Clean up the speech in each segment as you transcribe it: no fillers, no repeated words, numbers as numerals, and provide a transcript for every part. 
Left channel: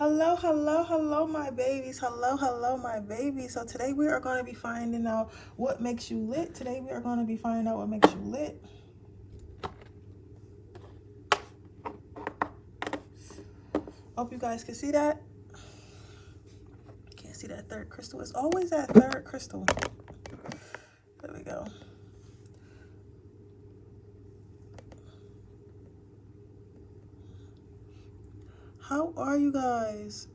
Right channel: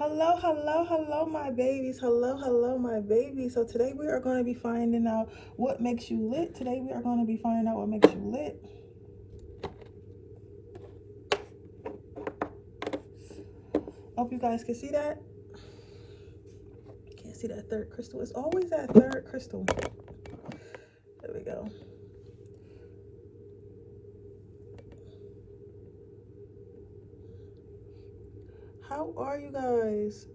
Hello, my babies. Hello, my babies. So today we are going to be finding out what makes you lit. Today we are going to be finding out what makes you lit. Hope you guys can see that. Can't see that third crystal. It's always that third crystal. There we go. How are you guys?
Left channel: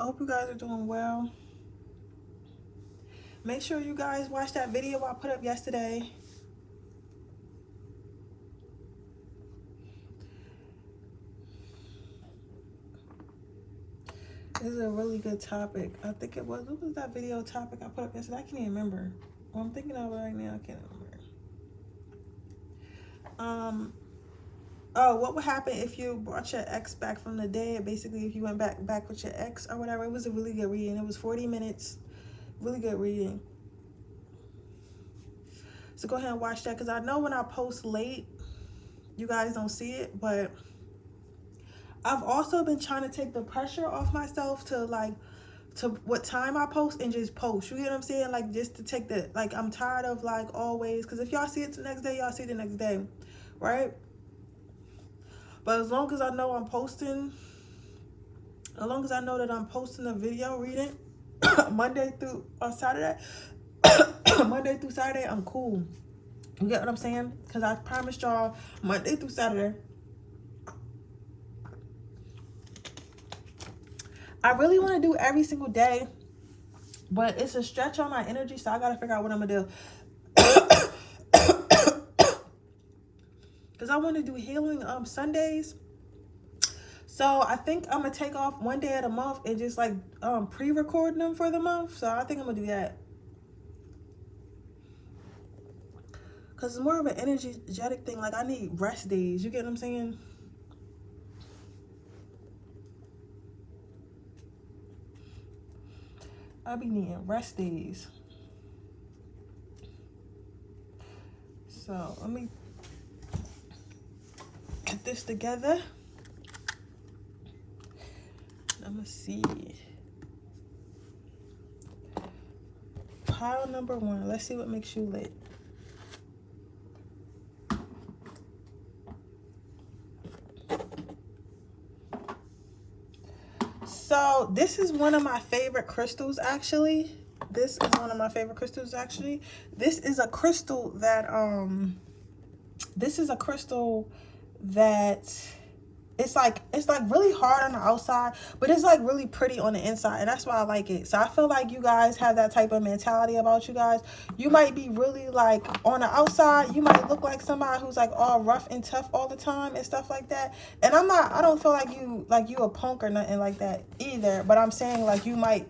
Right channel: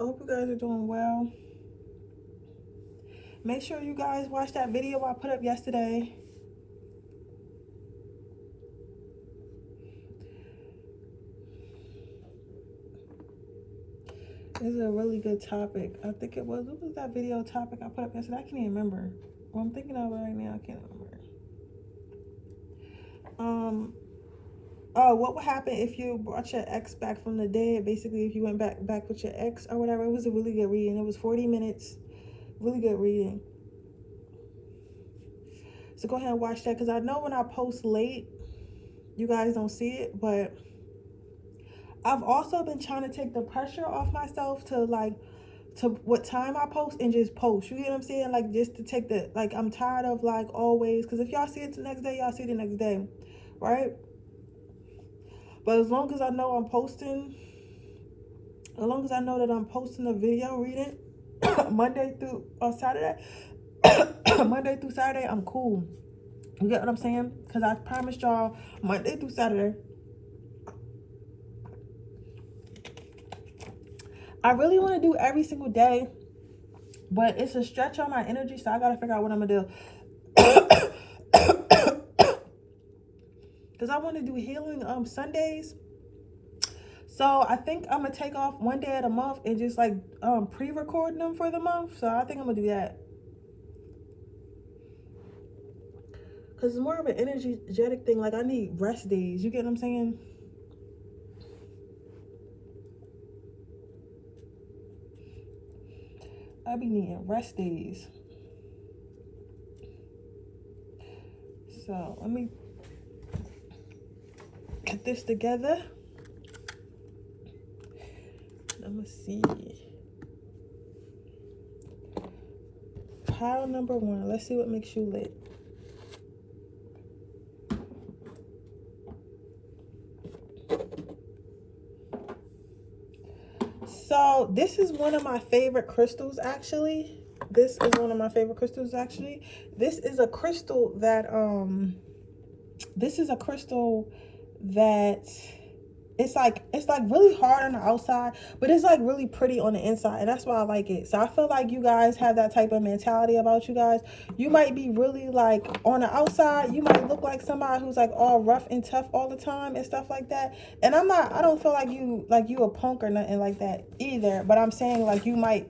I hope you guys are doing well. Make sure you guys watch that video I put up yesterday. This is a really good topic. I think it was. What was that video topic I put up yesterday? I can't even remember. Well, I'm thinking of it right now. I can't remember. Oh, what would happen if you brought your ex back from the dead? Basically, if you went back with your ex or whatever. It was a really good reading. It was 40 minutes. Really good reading. So go ahead and watch that, because I know when I post late, you guys don't see it, but I've also been trying to take the pressure off myself to what time I post and just post. You get what I'm saying? Like, just to take the, like, I'm tired of like always, because if y'all see it the next day, y'all see it the next day, right? But as long as I know I'm posting, as long as I know that I'm posting a video reading Monday through Saturday, Monday through Saturday, I'm cool. You get what I'm saying? Because I promised y'all Monday through Saturday. I really want to do every single day, but it's a stretch on my energy, so I got to figure out what I'm going to do. Because I want to do healing Sundays. So I think I'm going to take off one day at a month and just like pre-record them for the month. So I think I'm going to do that. Because it's more of an energetic thing. Like, I need rest days. You get what I'm saying? I be needing rest days. So let me get this together. Let me see. Pile number 1. Let's see what makes you lit. So this is one of my favorite crystals, actually. This is one of my favorite crystals, actually. This is a crystal that it's like really hard on the outside, but it's like really pretty on the inside, and that's why I like it. So I feel like you guys have that type of mentality about you guys. You might be really like on the outside, you might look like somebody who's like all rough and tough all the time and stuff like that. And I don't feel like you a punk or nothing like that either, but I'm saying like you might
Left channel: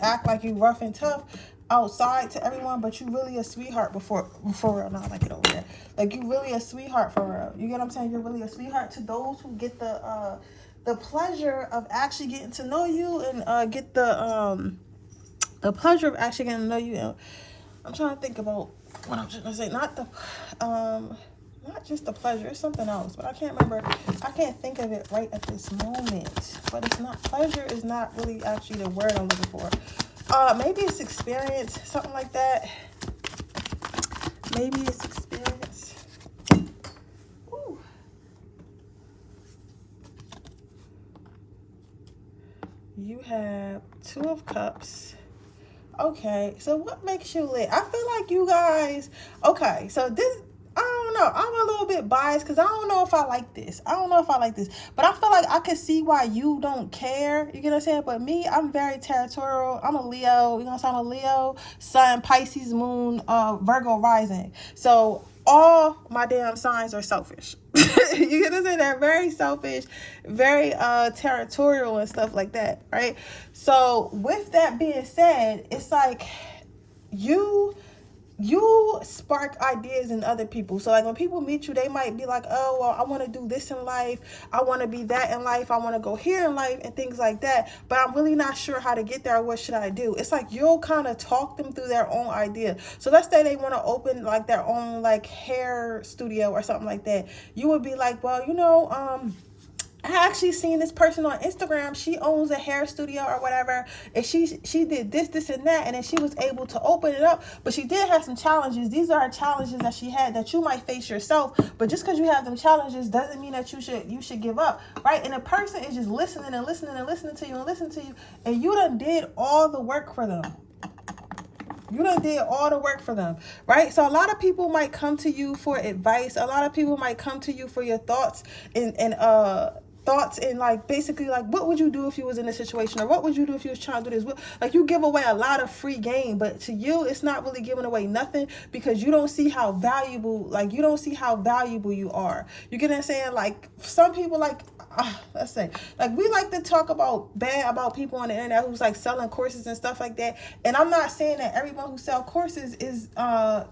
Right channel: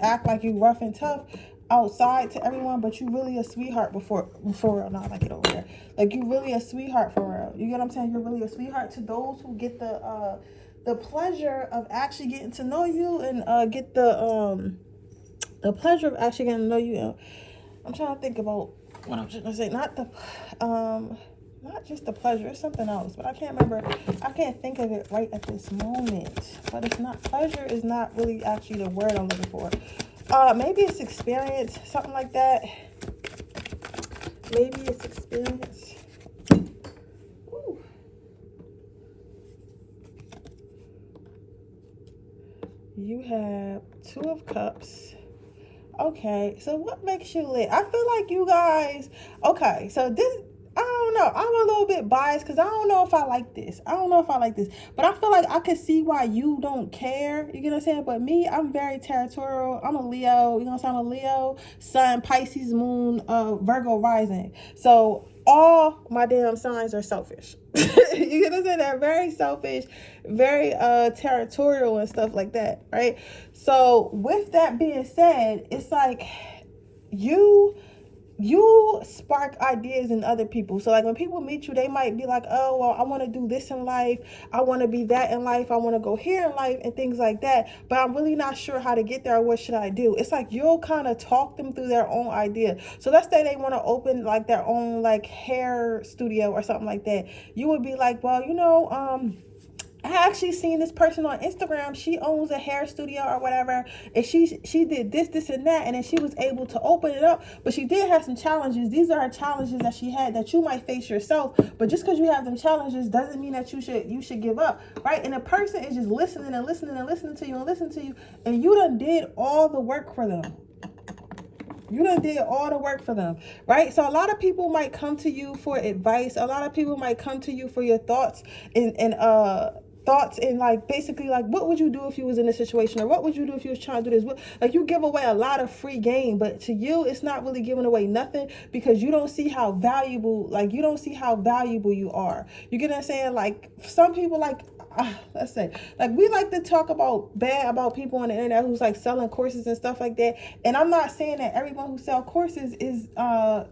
act like you rough and tough outside to everyone, but you really a sweetheart before not like it over there. Like, you really a sweetheart for real. You get what I'm saying? You're really a sweetheart to those who get the pleasure of actually getting to know you, and get the pleasure of actually getting to know you. And I'm trying to think about what I'm just gonna say. Not just the pleasure, it's something else, but I can't remember. I can't think of it right at this moment. But it's not, pleasure is not really actually the word I'm looking for. Maybe it's experience, something like that. Maybe it's experience. Ooh. You have 2 of Cups. Okay, so what makes you lit? I feel like you guys, okay, so this, I don't know, I'm a little bit biased because I don't know if I like this. But I feel like I can see why you don't care. You get what I'm saying? But me, I'm very territorial. I'm a Leo. You know what I'm saying? I'm a Leo, Sun, Pisces, Moon, Virgo rising. So all my damn signs are selfish. You get what I'm saying? They're very selfish, very territorial and stuff like that, right? So with that being said, it's like you you spark ideas in other people. So like when people meet you, they might be like, oh, well, I want to do this in life, I want to be that in life, I want to go here in life and things like that, but I'm really not sure how to get there, or what should I do. It's like you'll kind of talk them through their own idea. So let's say they want to open like their own like hair studio or something like that. You would be like, well, I actually seen this person on Instagram. She owns a hair studio or whatever, and she did this, and that, and then she was able to open it up. But she did have some challenges. These are challenges that she had that you might face yourself. But just because you have them challenges doesn't mean that you should give up, right? And a person is just listening and listening and listening to you and listening to you, and you done did all the work for them. You done did all the work for them, right? So a lot of people might come to you for advice. A lot of people might come to you for your thoughts and like basically like, what would you do if you was in this situation, or what would you do if you was trying to do this? Like, you give away a lot of free game, but to you it's not really giving away nothing, because you don't see how valuable, like you don't see how valuable you are. You get what I'm saying? Like some people, like let's say, like we like to talk bad about people on the internet who's like selling courses and stuff like that. And I'm not saying that everyone who sells courses is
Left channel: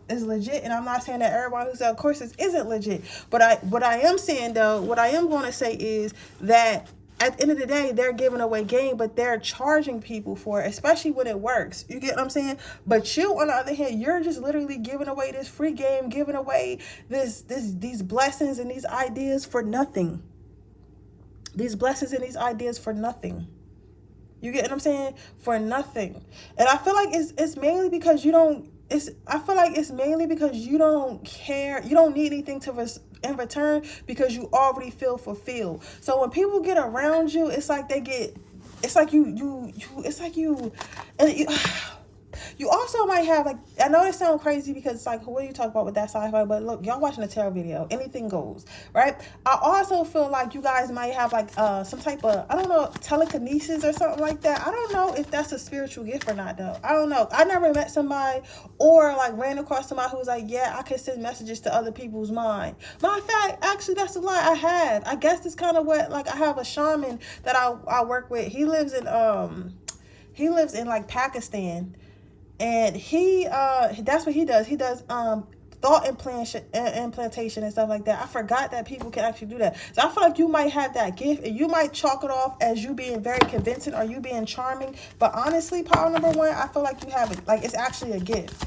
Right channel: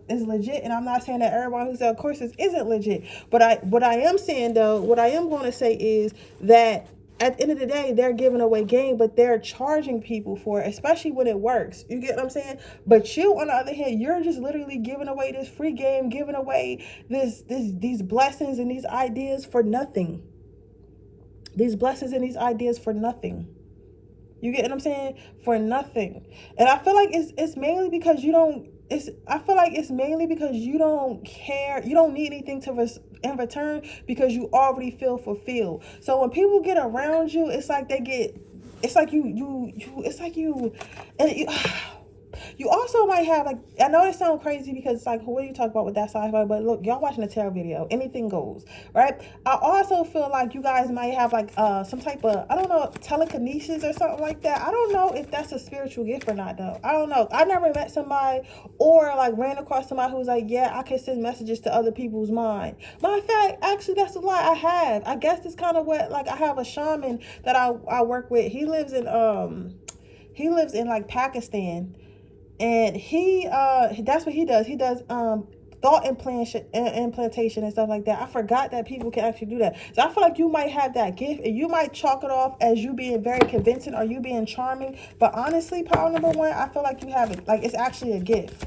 legit, and I'm not saying that everyone who sells courses isn't legit. But what I am saying though, what I am going to say is that at the end of the day, they're giving away game, but they're charging people for it, especially when it works. You get what I'm saying? But you, on the other hand, you're just literally giving away this free game, giving away these blessings and these ideas for nothing. These blessings and these ideas for nothing. You get what I'm saying? For nothing. And I feel like it's mainly because you don't. I feel like it's mainly because you don't care. You don't need anything in return, because you already feel fulfilled. So when people get around you, it's like they get. It's like you. It's like you. And you also might have, like, I know it sounds crazy because it's like, what do you talk about with that sci-fi? But look, y'all watching a tarot video, anything goes, right? I also feel like you guys might have like some type of, I don't know, telekinesis or something like that. I don't know if that's a spiritual gift or not though. I don't know. I never met somebody or like ran across somebody who's like, yeah, I can send messages to other people's mind. Matter of fact, actually that's a lie. I have. I guess it's kind of what, like, I have a shaman that I work with. He lives in like Pakistan. And that's what he does. He does thought implantation and stuff like that. I forgot that people can actually do that. So I feel like you might have that gift, and you might chalk it off as you being very convincing or you being charming. But honestly, power number one, I feel like you have it. Like, it's actually a gift.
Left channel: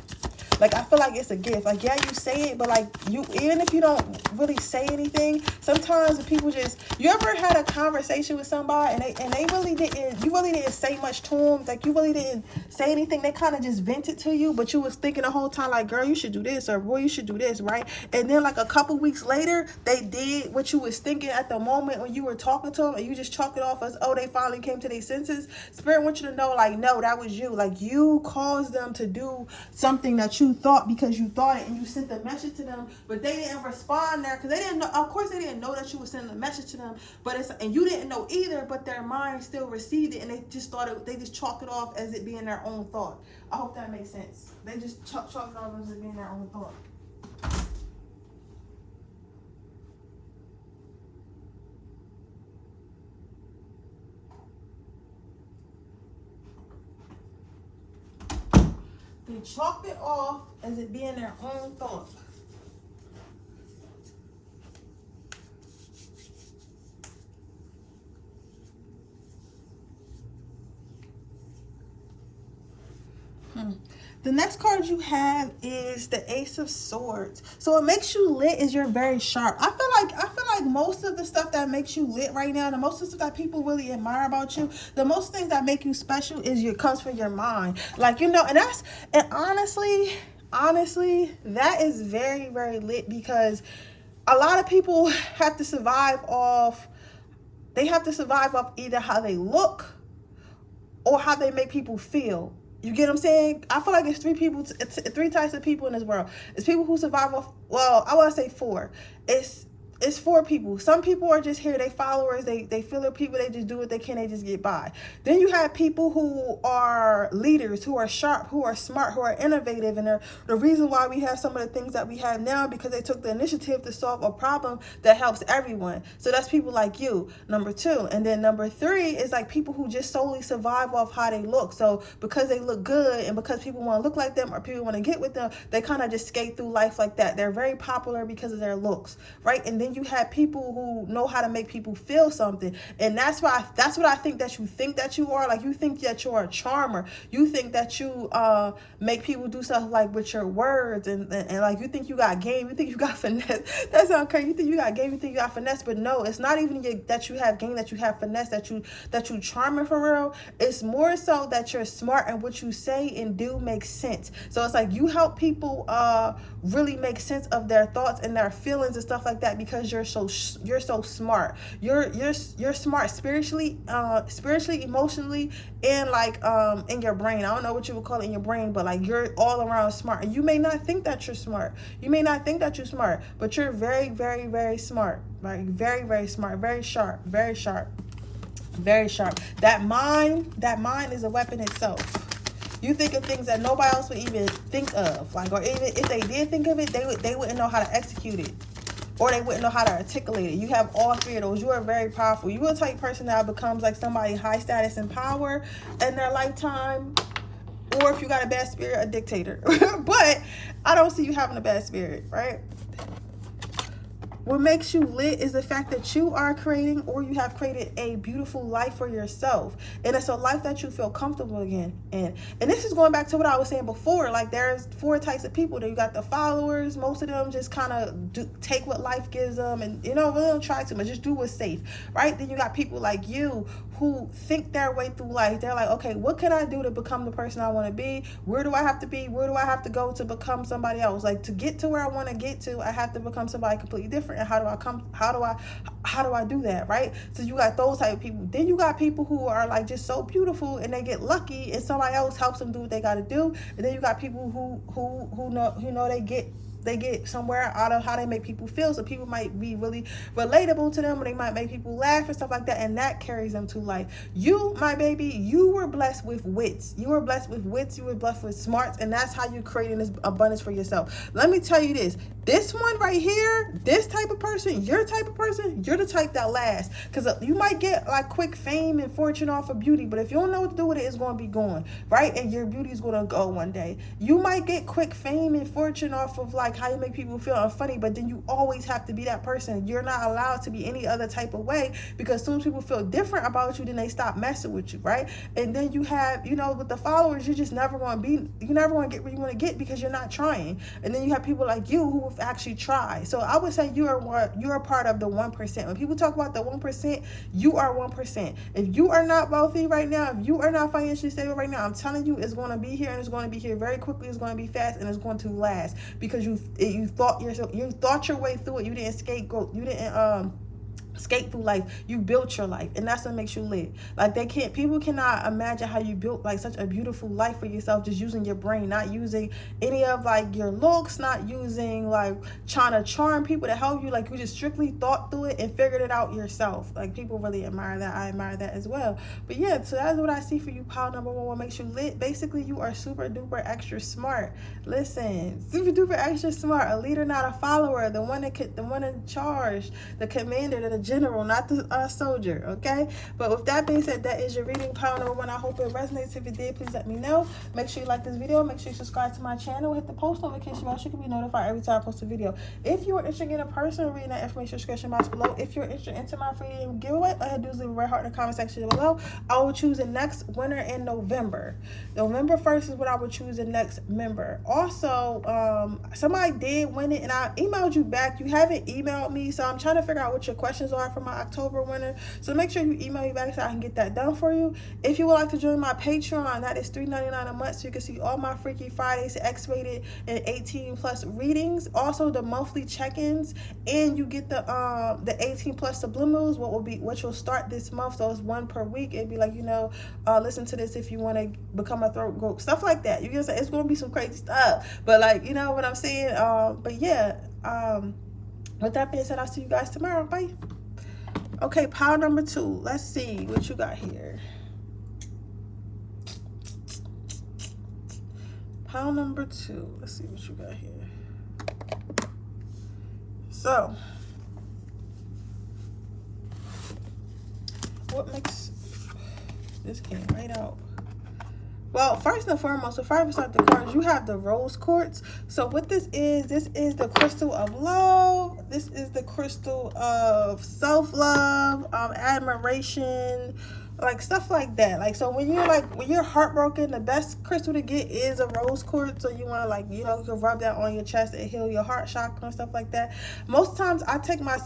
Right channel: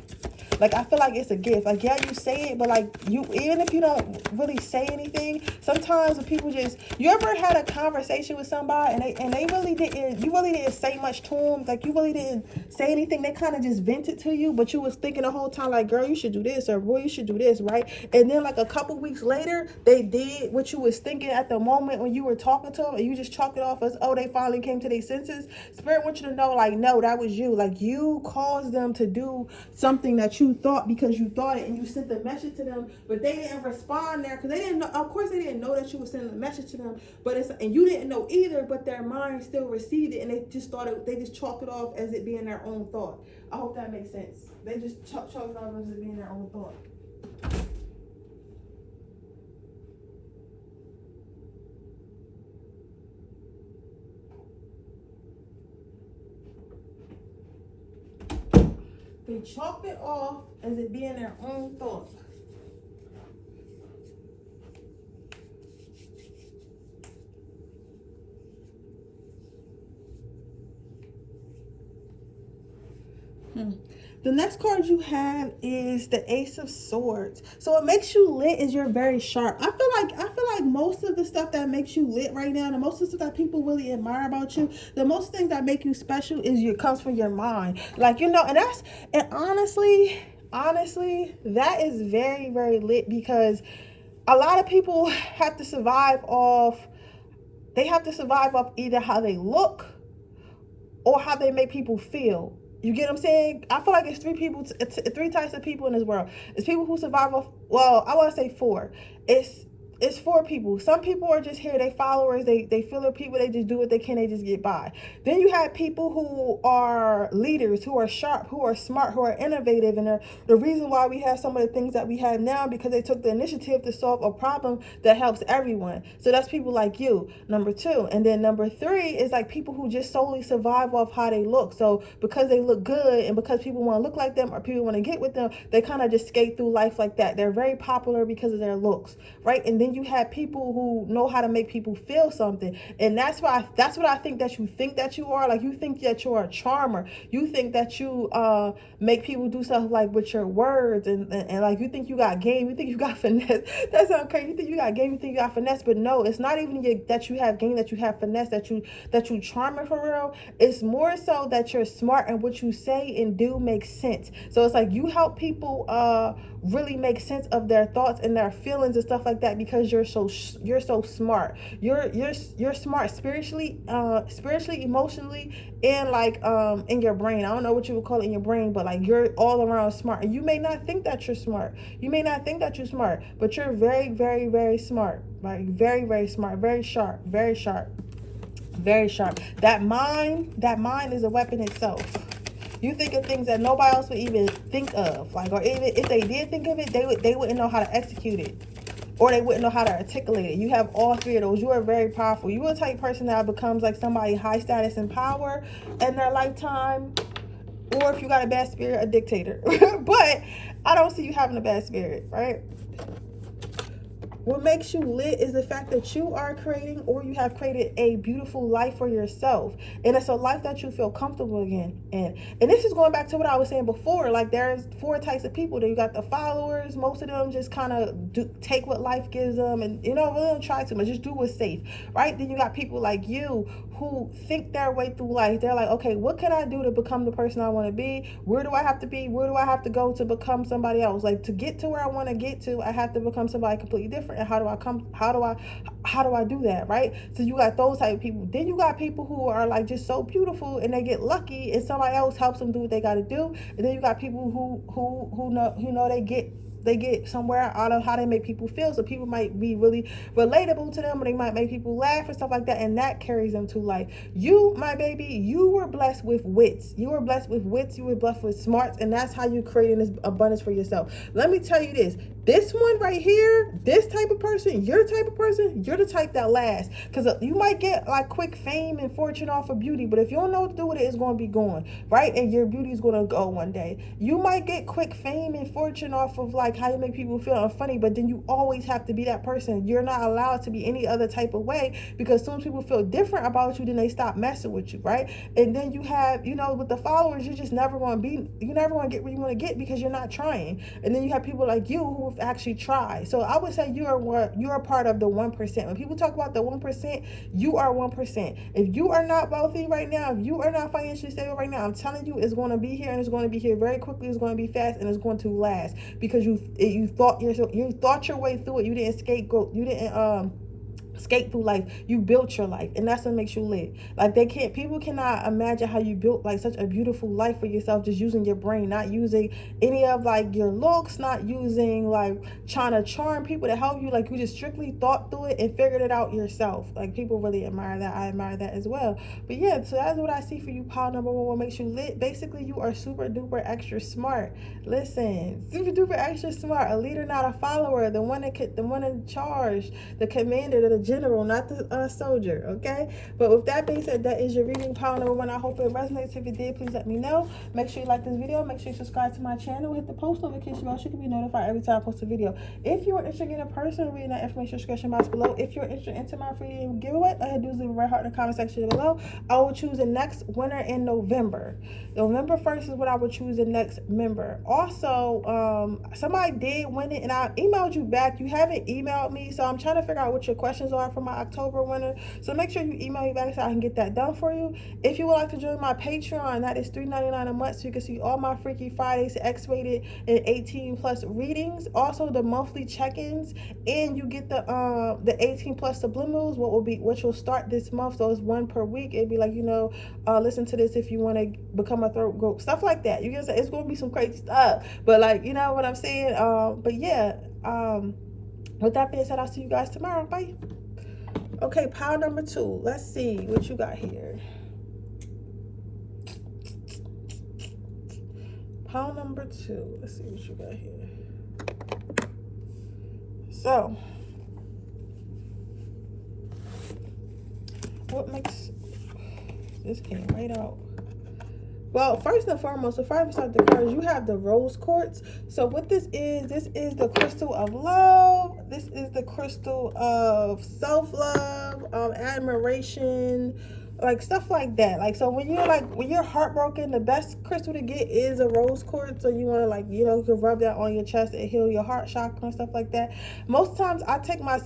Like, I feel like it's a gift. Like, yeah, you say it, but like, you, even if you don't really say anything, sometimes people just, you ever had a conversation with somebody and they really didn't, you really didn't say much to them, like you really didn't say anything, they kind of just vented to you, but you was thinking the whole time like, girl, you should do this, or boy, you should do this, right? And then like a couple weeks later, they did what you was thinking at the moment when you were talking to them, and you just chalk it off as, oh, they finally came to their senses. Spirit wants you to know, like, no, that was you. Like, you caused them to do something that you thought, because you thought it, and you sent the message to them, but they didn't respond there because they didn't know. Of course they didn't know that you were sending a message to them, but and you didn't know either, but their mind still received it, and they just they just chalked it off as it being their own thought. I hope that makes sense. They just chalk it off as it being their own thought. They chalked it off as it being their own thought. The next card you have is the Ace of Swords. So what makes you lit is you're very sharp. I feel like most of the stuff that makes you lit right now, the most of the stuff that people really admire about you, the most things that make you special is comes from your mind. Like, and honestly, that is very, very lit, because a lot of people have to survive off either how they look or how they make people feel. You get what I'm saying? I feel like it's three types of people in this world. It's people who survive off, well, I want to say four. It's it's for people. Some people are just here, they followers, they feel their people, they just do what they can, they just get by. Then you have people who are leaders, who are sharp, who are smart, who are innovative, and the reason why we have some of the things that we have now, because they took the initiative to solve a problem that helps everyone. So that's people like you, number 2. And then number 3 is like people who just solely survive off how they look. So because they look good and because people want to look like them or people want to get with them, they kind of just skate through life like that. They're very popular because of their looks, right? And then you have people who know how to make people feel something, and that's what I think that you are. Like, you think that you're a charmer. You think that you make people do stuff like with your words, and like you think you got game. You think you got finesse. That sounds crazy. You think you got game. You think you got finesse, but no, it's not even that you have game, that you have finesse, that you charming for real. It's more so that you're smart and what you say and do makes sense. So it's like you help people really make sense of their thoughts and their feelings and stuff like that, because you're so smart. You're smart spiritually, emotionally, and like in your brain. I don't know what you would call it in your brain, but like you're all around smart. And you may not think that you're smart. You may not think that you're smart, but you're very, very, very smart. Like very, very smart, very sharp, very sharp, very sharp. That mind is a weapon itself. You think of things that nobody else would even think of, like, or even if they did think of it, they wouldn't know how to execute it, or they wouldn't know how to articulate it. You have all 3 of those. You are very powerful. You are the type of person that becomes like somebody high status and power in their lifetime, or if you got a bad spirit, a dictator. But I don't see you having a bad spirit, right? What makes you lit is the fact that you are creating, or you have created, a beautiful life for yourself. And it's a life that you feel comfortable in. And this is going back to what I was saying before. Like, there's 4 types of people. You got the followers. Most of them just kind of take what life gives them, and really don't try too much. Just do what's safe, right? Then you got people like you who think their way through life. They're like, okay, what can I do to become the person I want to be? Where do I have to be? Where do I have to go to become somebody else? Like, to get to where I want to get to, I have to become somebody completely different. And how do I do that, right? So you got those type of people. Then you got people who are like just so beautiful, and they get lucky and somebody else helps them do what they got to do. And then you got people who know they get somewhere out of how they make people feel. So people might be really relatable to them, or they might make people laugh and stuff like that, and that carries them to life. You, my baby, you were blessed with wits. You were blessed with wits. You were blessed with smarts, and that's how you creating this abundance for yourself. Let me tell you this one right here, this type of person, your type of person, you're the type that lasts. Because you might get like quick fame and fortune off of beauty, but if you don't know what to do with it, it's going to be gone, right? And your beauty is going to go one day. You might get quick fame and fortune off of like how you make people feel funny, but then you always have to be that person. You're not allowed to be any other type of way, because as soon as people feel different about you, then they stop messing with you, right? And then you have, with the followers, you're just never going to get where you want to get, because you're not trying. And then you have people like you who actually try. So I would say you're a part of the 1%. When people talk about the 1%, you are 1%. If you are not wealthy right now, if you are not financially stable right now, I'm telling you, it's going to be here, and it's going to be here very quickly. It's going to be fast, and it's going to last, because you thought your way through it. You didn't scapegoat. You didn't escape through life. You built your life, and that's what makes you live. Like, people cannot imagine how you built like such a beautiful life for yourself, just using your brain, not using any of like your looks, not using like trying to charm people to help you. Like, you just strictly thought through it and figured it out yourself. Like, people really admire that. I admire that as well. But yeah, so that's what I see for you. Pile number 1, what makes you lit? Basically, you are super duper extra smart. Listen, super duper extra smart. A leader, not a follower. The one in charge, the commander, the general, not the soldier. Okay, but with that being said, that is your reading. Pile number 1. I hope it resonates. If it did, please let me know. Make sure you like this video. Make sure you subscribe to my channel. Hit the post notification bell so you can be notified every time I post a video. If you are interested in a person reading that information description box below, if you're interested into my free giveaway, all I do is leave a red heart in the comment section below. I will choose the next winner in November. November 1st is when I will choose the next member. Also, somebody did win it, and I emailed you back. You haven't emailed me, so I'm trying to figure out what your questions are for my October winner. So make sure you email me back so I can get that done for you. If you would like to join my Patreon, that is $3.99 a month, so you can see all my Freaky Fridays, X-rated and 18+ readings. Also the monthly check-ins, and you get the 18+ subliminals, which will start this month. So it's 1 per week. It'd be like, listen to this if you want to become a throat goat, stuff like that. You can say it's gonna be some crazy stuff, but like, you know what I'm saying. But yeah, With that being said, I'll see you guys tomorrow. Bye. Okay, pile number 2. Let's see what you got here. Pile number 2. Let's see what you got here. So, what makes this came right out? Well, first and foremost, before I start the cards, you have the rose quartz. So what this is the crystal of love. This is the crystal of self-love, admiration, like stuff like that. Like, so when you're heartbroken, the best crystal to get is a rose quartz. So you want to, like, you know, you can rub that on your chest and heal your heart chakra and stuff like that. Most times I take my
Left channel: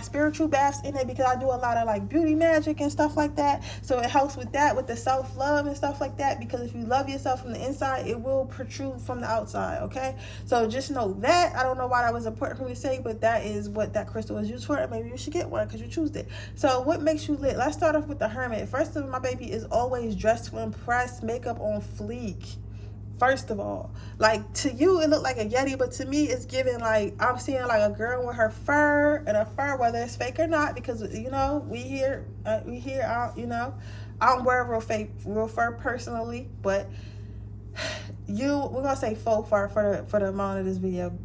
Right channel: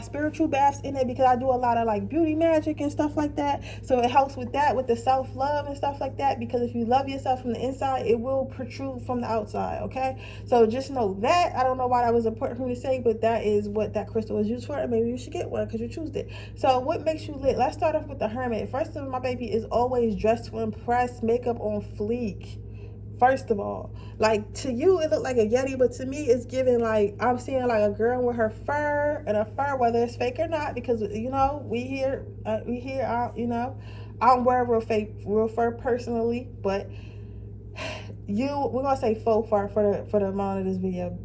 spiritual baths in it because I do a lot of like beauty magic and stuff like that. So it helps with that, with the self-love and stuff like that, because if you love yourself from the inside, it will protrude from the outside. Okay, so just know that. I don't know why that was important for me to say, but that is what that crystal was used for, and maybe you should get one because you choose it. So what makes you lit? Let's start off with the Hermit. First of all, my baby is always dressed to impress, makeup on fleek. First of all, like, to you it looked like a Yeti, but to me it's giving like, I'm seeing like a girl with her fur, and a fur, whether it's fake or not, because you know we here you know, I don't wear real fur personally, but we're gonna say faux fur for the amount of this video.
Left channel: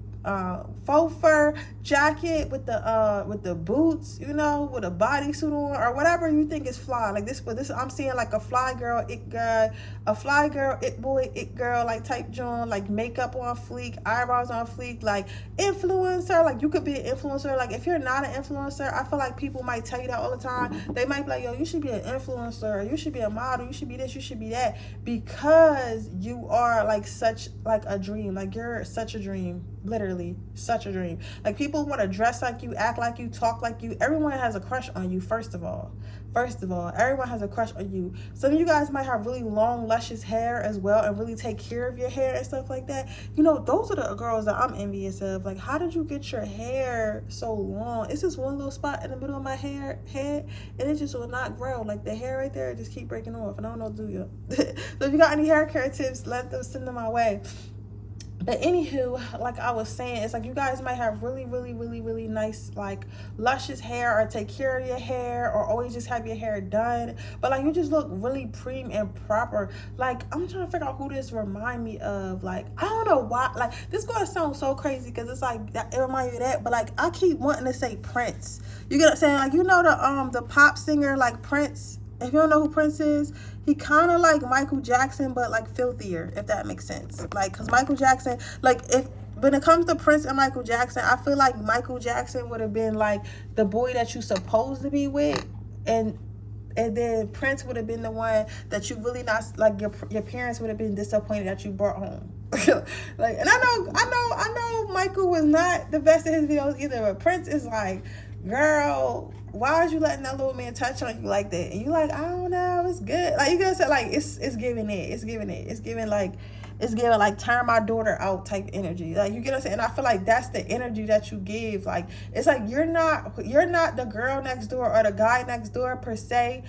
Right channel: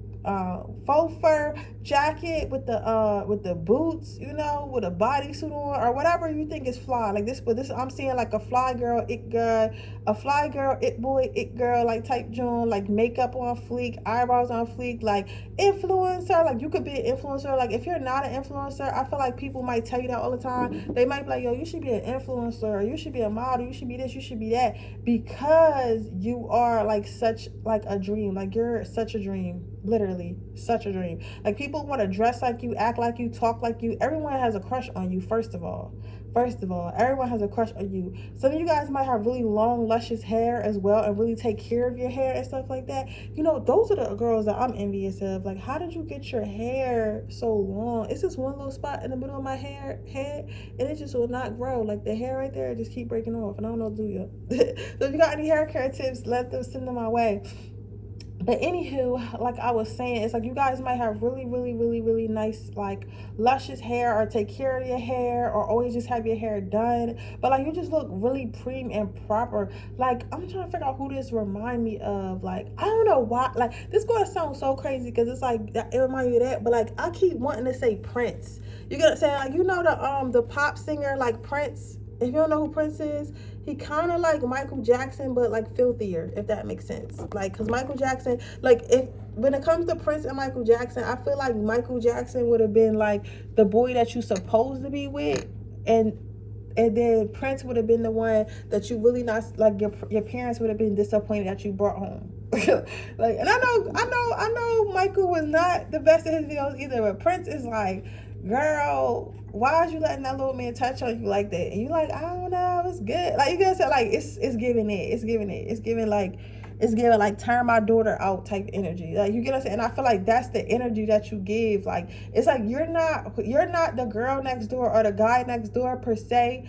Faux fur jacket with the boots, you know, with a bodysuit on, or whatever you think is fly. Like this, but this I'm seeing like a fly girl, it girl, a fly girl, it boy, it girl, like type joint, like makeup on fleek, eyebrows on fleek, like influencer. Like you could be an influencer. Like if you're not an influencer, I feel like people might tell you that all the time. They might be like, yo, you should be an influencer, or you should be a model, you should be this, you should be that, because you are like such like a dream. Like you're such a dream. Literally such a dream. Like people want to dress like you, act like you, talk like you. Everyone has a crush on you. First of all, everyone has a crush on you. Some of you guys might have really long luscious hair as well, and really take care of your hair and stuff like that. You know, those are the girls that I'm envious of. Like, how did you get your hair so long? It's just one little spot in the middle of my head, and it just will not grow. Like the hair right there just keep breaking off, and I don't know what to do yet. So if you got any hair care tips, send them my way. But anywho, like I was saying, it's like you guys might have really nice, like luscious hair, or take care of your hair, or always just have your hair done, but like you just look really prim and proper. Like I'm trying to figure out who this remind me of. Like I don't know why, like this is gonna sound so crazy because it's like it reminds me of that, but like I keep wanting to say Prince. You get what I'm saying? Like, you know the pop singer like Prince. If you don't know who Prince is, he kind of like Michael Jackson, but like filthier, if that makes sense. Like, because Michael Jackson, like, when it comes to Prince and Michael Jackson, I feel like Michael Jackson would have been like the boy that you supposed to be with, and then Prince would have been the one that you really not, like, your parents would have been disappointed that you brought home. Like, and I know Michael was not the best of his videos either, but Prince is like, girl, why are you letting that little man touch on you like that? And you like, I don't know, it's good. Like, you gotta say, like, it's giving like turn my daughter out type energy. Like, you get what I'm saying? And I feel like that's the energy that you give. Like, it's like you're not the girl next door or the guy next door per se,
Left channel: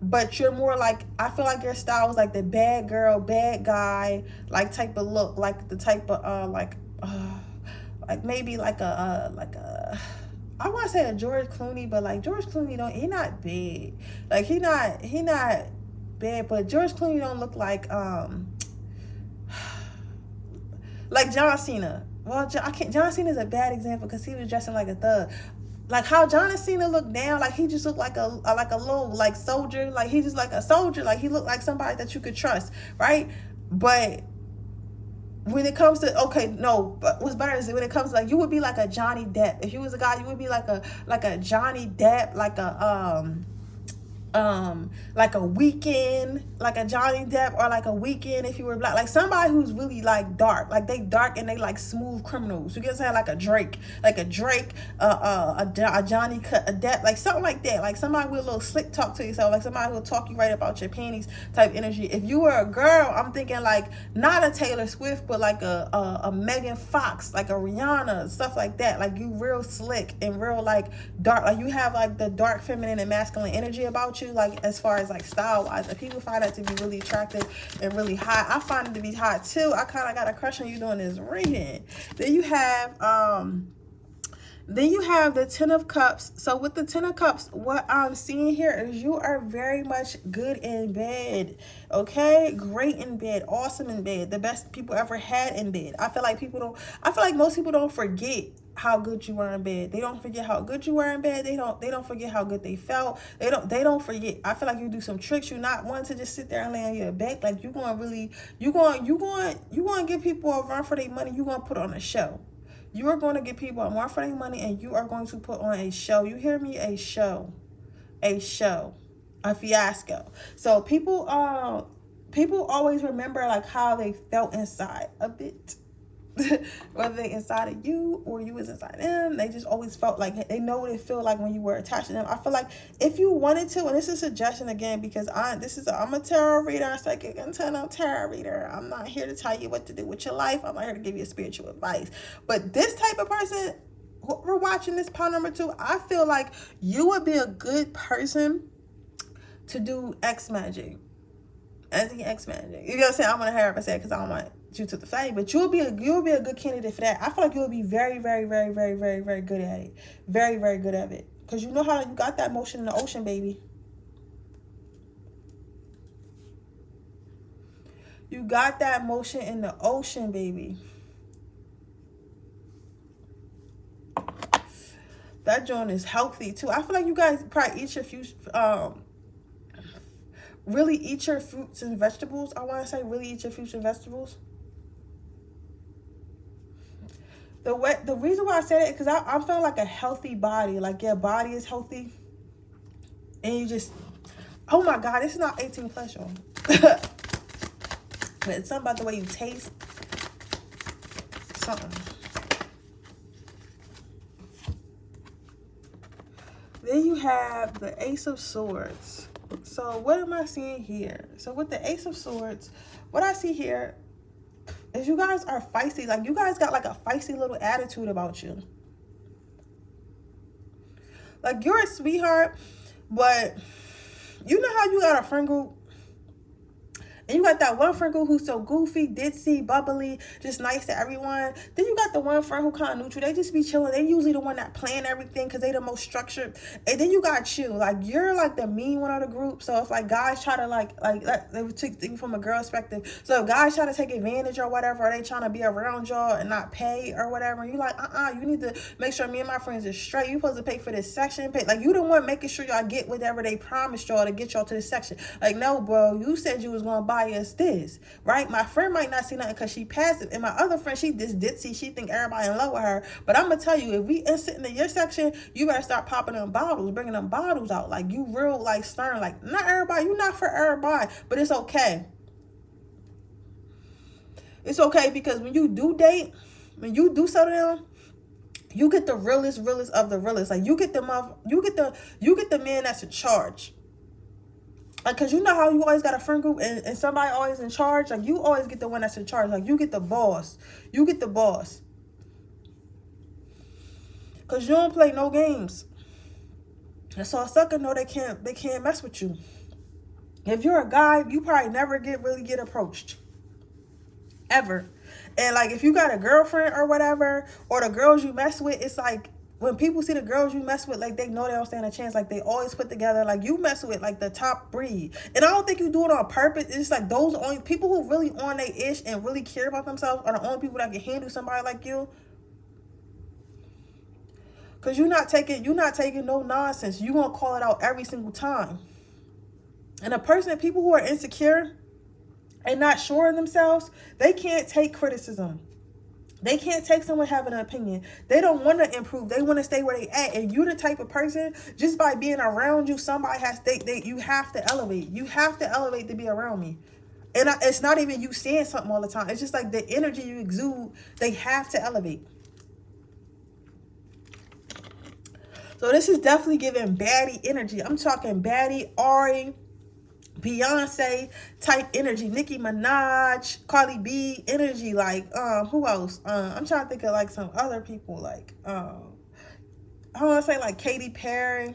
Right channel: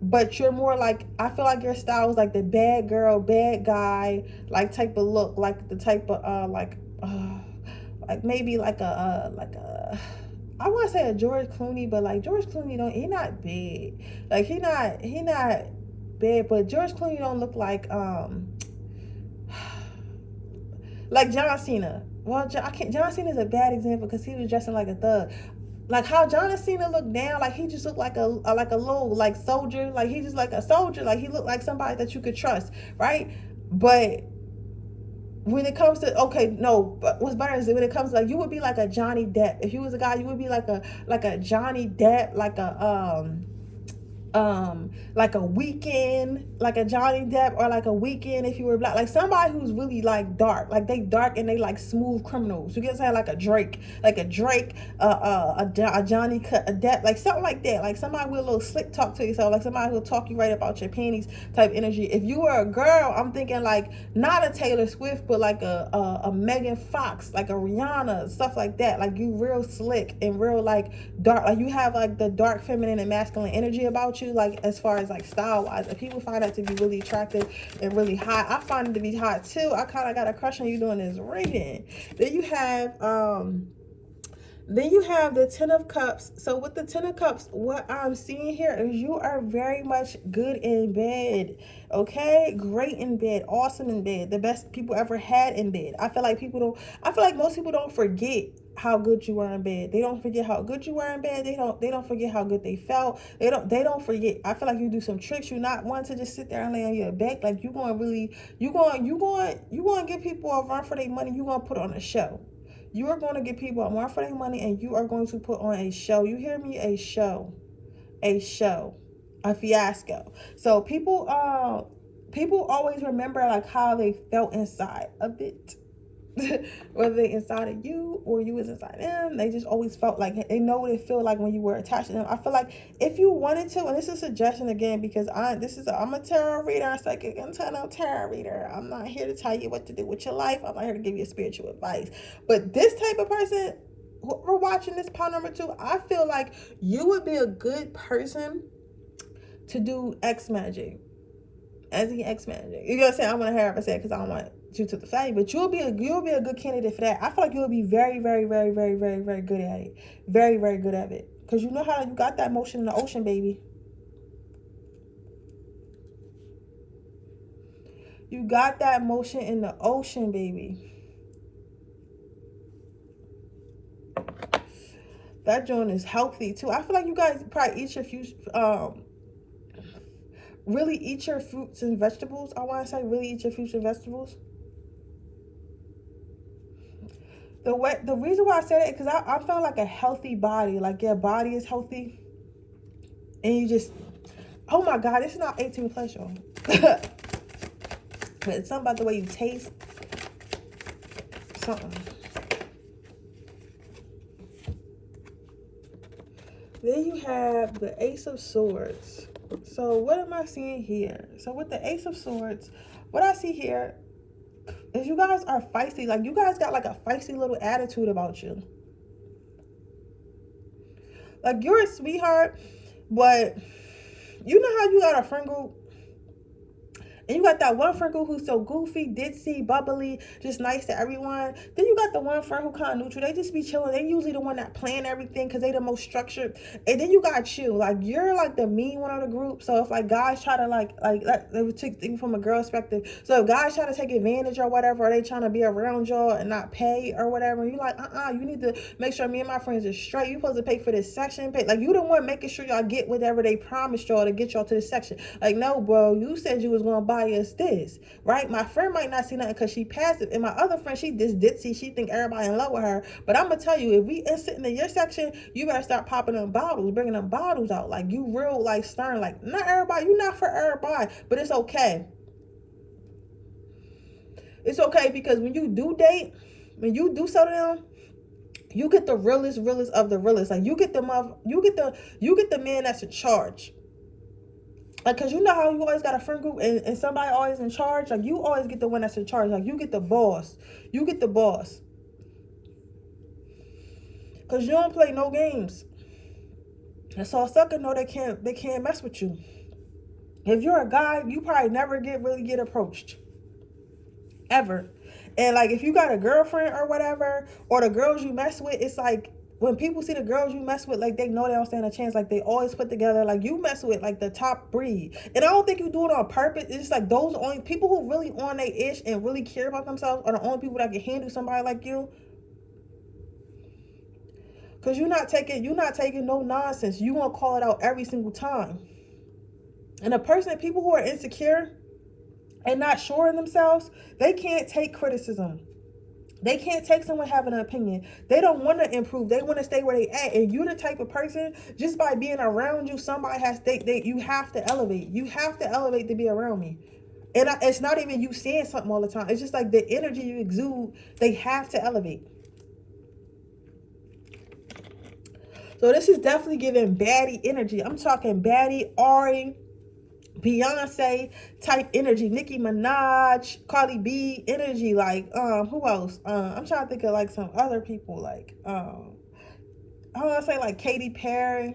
but you're more like, I feel like your style is like the bad girl, bad guy, like type of look, like the type of like maybe like a I want to say a George Clooney, but like George Clooney he not bad. Like he not bad, but George Clooney don't look like John Cena. Well, John Cena is a bad example because he was dressing like a thug. Like how John Cena looked now, like he just looked like a little like soldier. Like he just like a soldier. Like he looked like somebody that you could trust, right? But when it comes to, but what's better is when it comes to, like, you would be like a Johnny Depp. If you was a guy, you would be like a Johnny Depp, like a Weekend, like a Johnny Depp, or like a Weekend if you were black, like somebody who's really like dark, like they dark and they like smooth criminals. You get what I'm saying? Like a Drake, a Johnny Depp, like something like that. Like somebody with a little slick talk to yourself, like somebody who'll talk you right about your panties type energy. If you were a girl, I'm thinking like not a Taylor Swift, but like a Megan Fox, like a Rihanna, stuff like that. Like you real slick and real like dark. Like you have like the dark feminine and masculine energy about you. Like as far as like style wise, if people find that to be really attractive and really hot, I find it to be hot too. I kind of got a crush on you doing this reading. Then you have Then you have the Ten of Cups. So with the Ten of Cups, what I'm seeing here is you are very much good in bed. Okay? Great in bed. Awesome in bed. The best people ever had in bed. I feel like most people don't forget how good you were in bed. They don't forget how good you were in bed. They don't forget how good they felt. They don't forget. I feel like you do some tricks. You're not one to just sit there and lay on your back. Like you gonna give people a run for their money. You gonna put on a show. You are going to give people more for their money, and you are going to put on a show. You hear me? A show, a fiasco. So people always remember like how they felt inside of it. Whether they inside of you or you was inside them, they just always felt like they know what it feel like when you were attached to them. I feel like if you wanted to, and this is a suggestion again, because I'm a tarot reader, psychic internal tarot reader. I'm not here to tell you what to do with your life. I'm not here to give you spiritual advice. But this type of person, we're watching this part number 2. I feel like you would be a good person to do X magic. As in X magic. You know what I'm saying? I'm gonna have her say because I don't want you to the fame, but you'll be a good candidate for that. I feel like you'll be very, very, very, very, very, very good at it. Very, very good at it. Because you know how you got that motion in the ocean, baby. You got that motion in the ocean, baby. That joint is healthy too. I feel like you guys probably eat your really eat your fruits and vegetables. I want to say really eat your fruits and vegetables. The reason why I said it, because I'm feeling like a healthy body. Like your body is healthy. And you just, oh my God, it's not 18 plus, y'all. But it's something about the way you taste. Something. Then you have the Ace of Swords. So what am I seeing here? So with the Ace of Swords, what I see here is you guys are feisty. Like you guys got like a feisty little attitude about you. Like you're a sweetheart, but you know how you got a friend group? And you got that one friend group who's so goofy, ditzy, bubbly, just nice to everyone. Then you got the one friend who kind of neutral. They just be chilling. They usually the one that plan everything because they the most structured. And then you got you. Like, you're like the mean one of the group. So if like guys try to they would take from a girl perspective. So if guys try to take advantage or whatever, or they trying to be around y'all and not pay or whatever, you like, you need to make sure me and my friends are straight. You supposed to pay for this section. Pay. Like, you the one making sure y'all get whatever they promised y'all to get y'all to this section. Like, no, bro, you said you was going to buy us this, right? My friend might not see nothing because she passive, and my other friend, she this ditzy, she think everybody in love with her. But I'm gonna tell you, if we sitting in your section, you better start popping them bottles, bringing them bottles out. Like, you real like stern. Like, not everybody, you not for everybody, but it's okay. It's okay, because when you do date, when you do settle down, you get the realest of the realest. Like, you get the man that's in charge. Like, cause you know how you always got a friend group and somebody always in charge. Like, you always get the one that's in charge. Like, you get the boss. You get the boss. Cause you don't play no games. And so a sucker know they can't mess with you. If you're a guy, you probably never really get approached. Ever. And like, if you got a girlfriend or whatever, or the girls you mess with, it's like, when people see the girls you mess with, like, they know they don't stand a chance. Like, they always put together, like, you mess with, like, the top breed. And I don't think you do it on purpose. It's just, like, those only people who really on their ish and really care about themselves are the only people that can handle somebody like you. Because you're not taking no nonsense. You gonna call it out every single time. And people who are insecure and not sure of themselves, they can't take criticism. They can't take someone having an opinion. They don't want to improve. They want to stay where they at. And you're the type of person, just by being around you, somebody has you have to elevate. You have to elevate to be around me. And it's not even you saying something all the time. It's just like the energy you exude, they have to elevate. So this is definitely giving baddie energy. I'm talking baddie, Ari, Beyonce type energy, Nicki Minaj, Cardi B energy. Like, who else? I'm trying to think of like some other people, like I want to say like Katy Perry,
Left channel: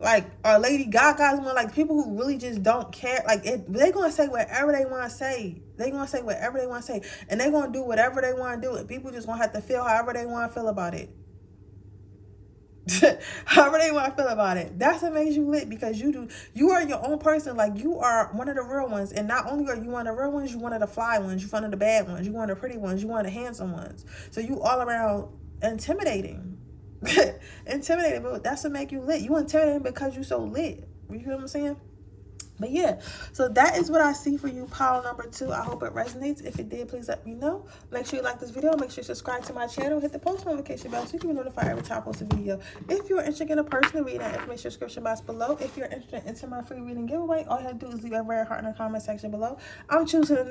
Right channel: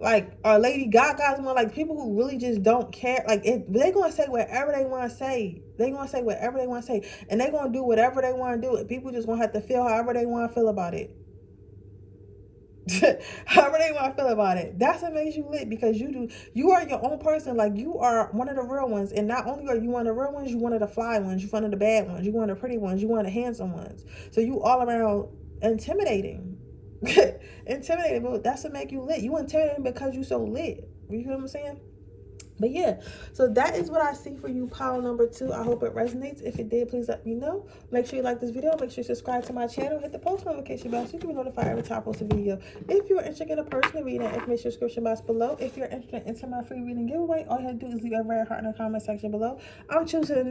like Lady Gaga's one. Like, people who really just don't care. Like, they gonna say whatever they want to say. They gonna say whatever they want to say, and they gonna do whatever they want to do. And people just gonna have to feel however they want to feel about it. However they want to feel about it. That's what makes you lit, because you are your own person. Like, you are one of the real ones. And not only are you one of the real ones, you one of the fly ones, you one of the bad ones, you one of the pretty ones, you one of the handsome ones. So you all around intimidating. Intimidating, but that's what make you lit. You intimidating because you so lit. You feel what I'm saying? But yeah, so that is what I see for you, pile number 2. I hope it resonates. If it did, please let me know. Make sure you like this video. Make sure you subscribe to my channel. Hit the post notification bell so you can be notified every time I post a video. If you're interested in a personal reading, information description box below. If you're interested in my free reading giveaway, all you have to do is leave a red heart in the comment section below. I'm choosing the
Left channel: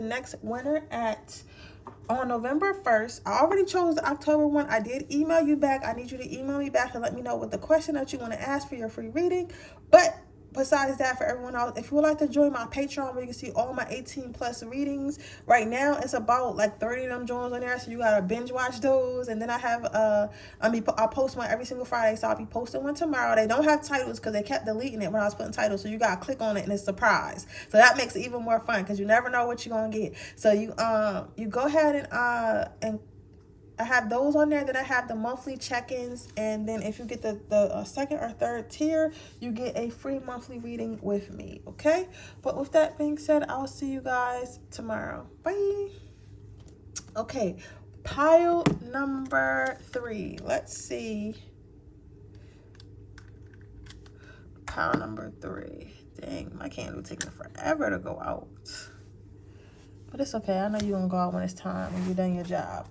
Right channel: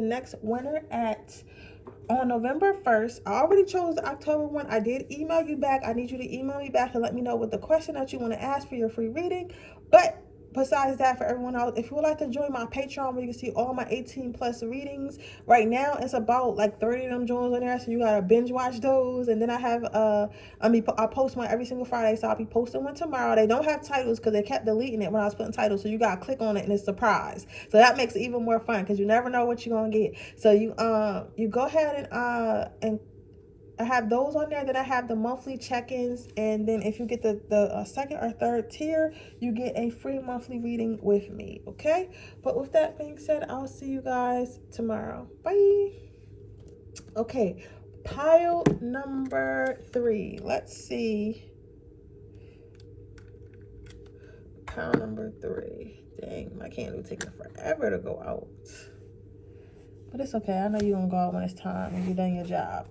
next winner on November 1st. I already chose the October one. I did email you back. I need you to email me back and let me know what the question that you want to ask for your free reading. But besides that, for everyone else, if you would like to join my Patreon where you can see all my 18+ readings, right now it's about like 30 of them joins on there, so you gotta binge watch those. And then I have I post one every single Friday, so I'll be posting one tomorrow. They don't have titles because they kept deleting it when I was putting titles, so you gotta click on it and it's a surprise. So that makes it even more fun because you never know what you're gonna get. So you go ahead and I have those on there. Then I have the monthly check-ins, and then if you get the second or third tier, you get a free monthly reading with me. Okay, but with that being said, I'll see you guys tomorrow. Bye. Okay, pile number 3. Let's see. Pile number 3. Dang, my candle taking forever to go out, but it's okay. I know you're gonna go out when it's time, when you're done your job.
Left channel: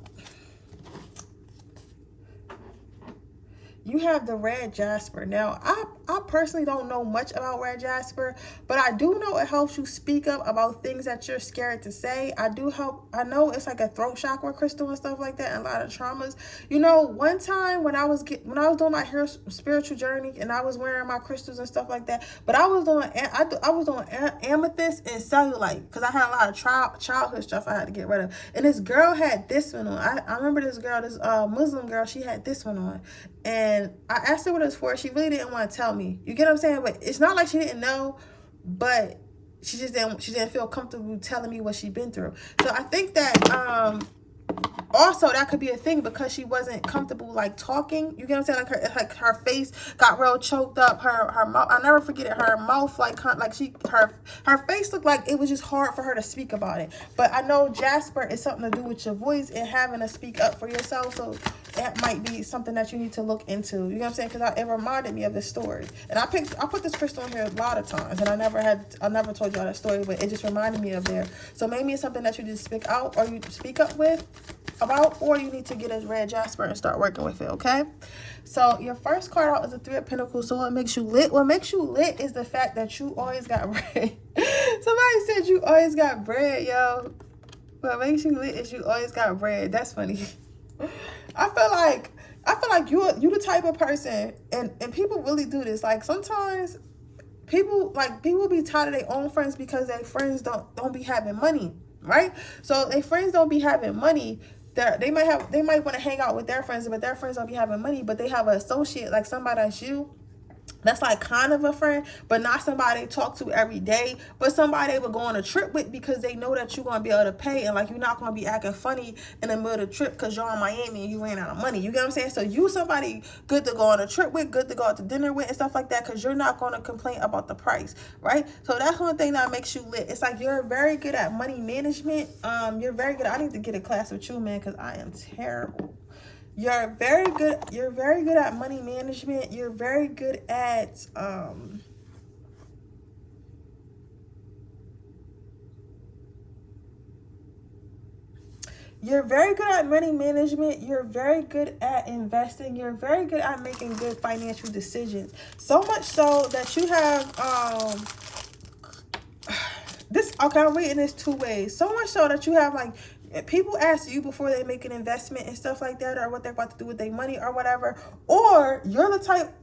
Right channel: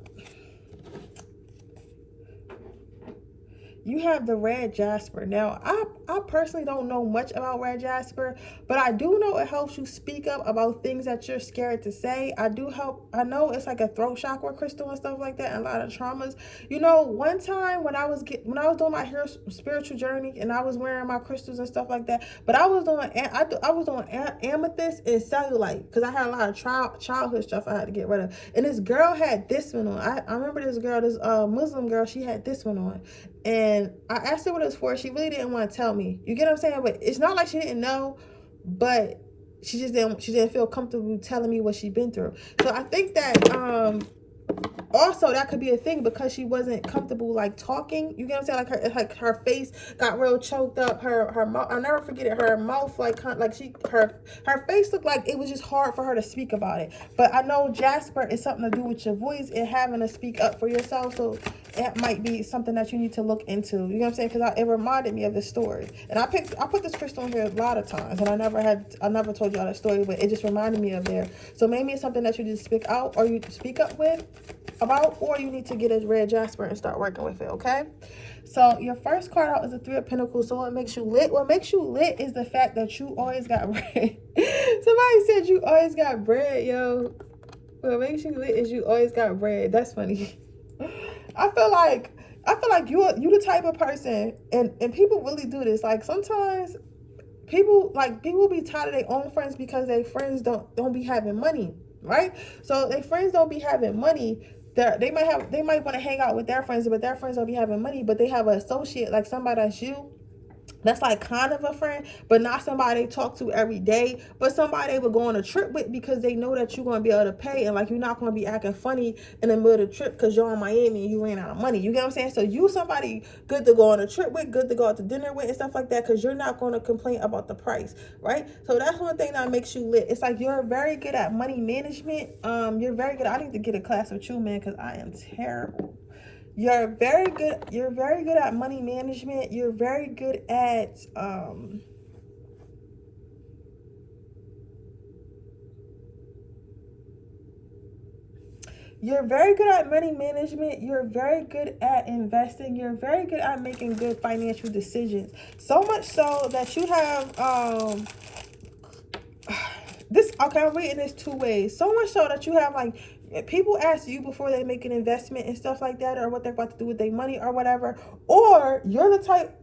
You have the red jasper. Now, I personally don't know much about red jasper, but I do know it helps you speak up about things that you're scared to say. I know it's like a throat chakra crystal and stuff like that, and a lot of traumas. You know, one time when I was doing my spiritual journey and I was wearing my crystals and stuff like that, but I was doing amethyst and cellulite because I had a lot of childhood stuff I had to get rid of. And this girl had this one on. I remember this girl, this Muslim girl, she had this one on. And I asked her what it was for. She really didn't want to tell me. You get what I'm saying? But it's not like she didn't know, but she didn't feel comfortable telling me what she'd been through. So I think that also that could be a thing because she wasn't comfortable like talking. You get what I'm saying? Like her face got real choked up. Her mouth, I'll never forget it. Her mouth her face looked like it was just hard for her to speak about it. But I know jasper is something to do with your voice and having to speak up for yourself. So that might be something that you need to look into. You know what I'm saying? Because it reminded me of this story. And I put this crystal in here a lot of times, and I never told you all that story, but it just reminded me of there. So maybe it's something that you need to speak out or you speak up about, or you need to get a red jasper and start working with it. Okay, so your first card out is a 3 of Pentacles. So what makes you lit? What makes you lit is the fact that you always got bread. Somebody said you always got bread, yo. What makes you lit is you always got bread. That's funny. I feel like you the type of person, and people really do this. Like sometimes people be tired of their own friends because their friends don't be having money, right? So their friends don't be having money. They might want to hang out with their friends, but their friends don't be having money. But they have an associate, like somebody that's you. That's like kind of a friend, but not somebody they talk to every day, but somebody they would go on a trip with because they know that you're going to be able to pay, and like you're not going to be acting funny in the middle of the trip because you're in Miami and you ran out of money. You get what I'm saying? So you somebody good to go on a trip with, good to go out to dinner with and stuff like that, because you're not going to complain about the price, right? So that's one thing that makes you lit. It's like you're very good at money management. You're very good. I need to get a class with you, man, because I am terrible. You're very good at money management. You're very good at you're very good at money management. You're very good at investing. You're very good at making good financial decisions. So much so that you have this, okay, I'm reading this 2 ways. So much so that you have like people ask you before they make an investment and stuff like that, or what they're about to do with their money or whatever, or you're the type,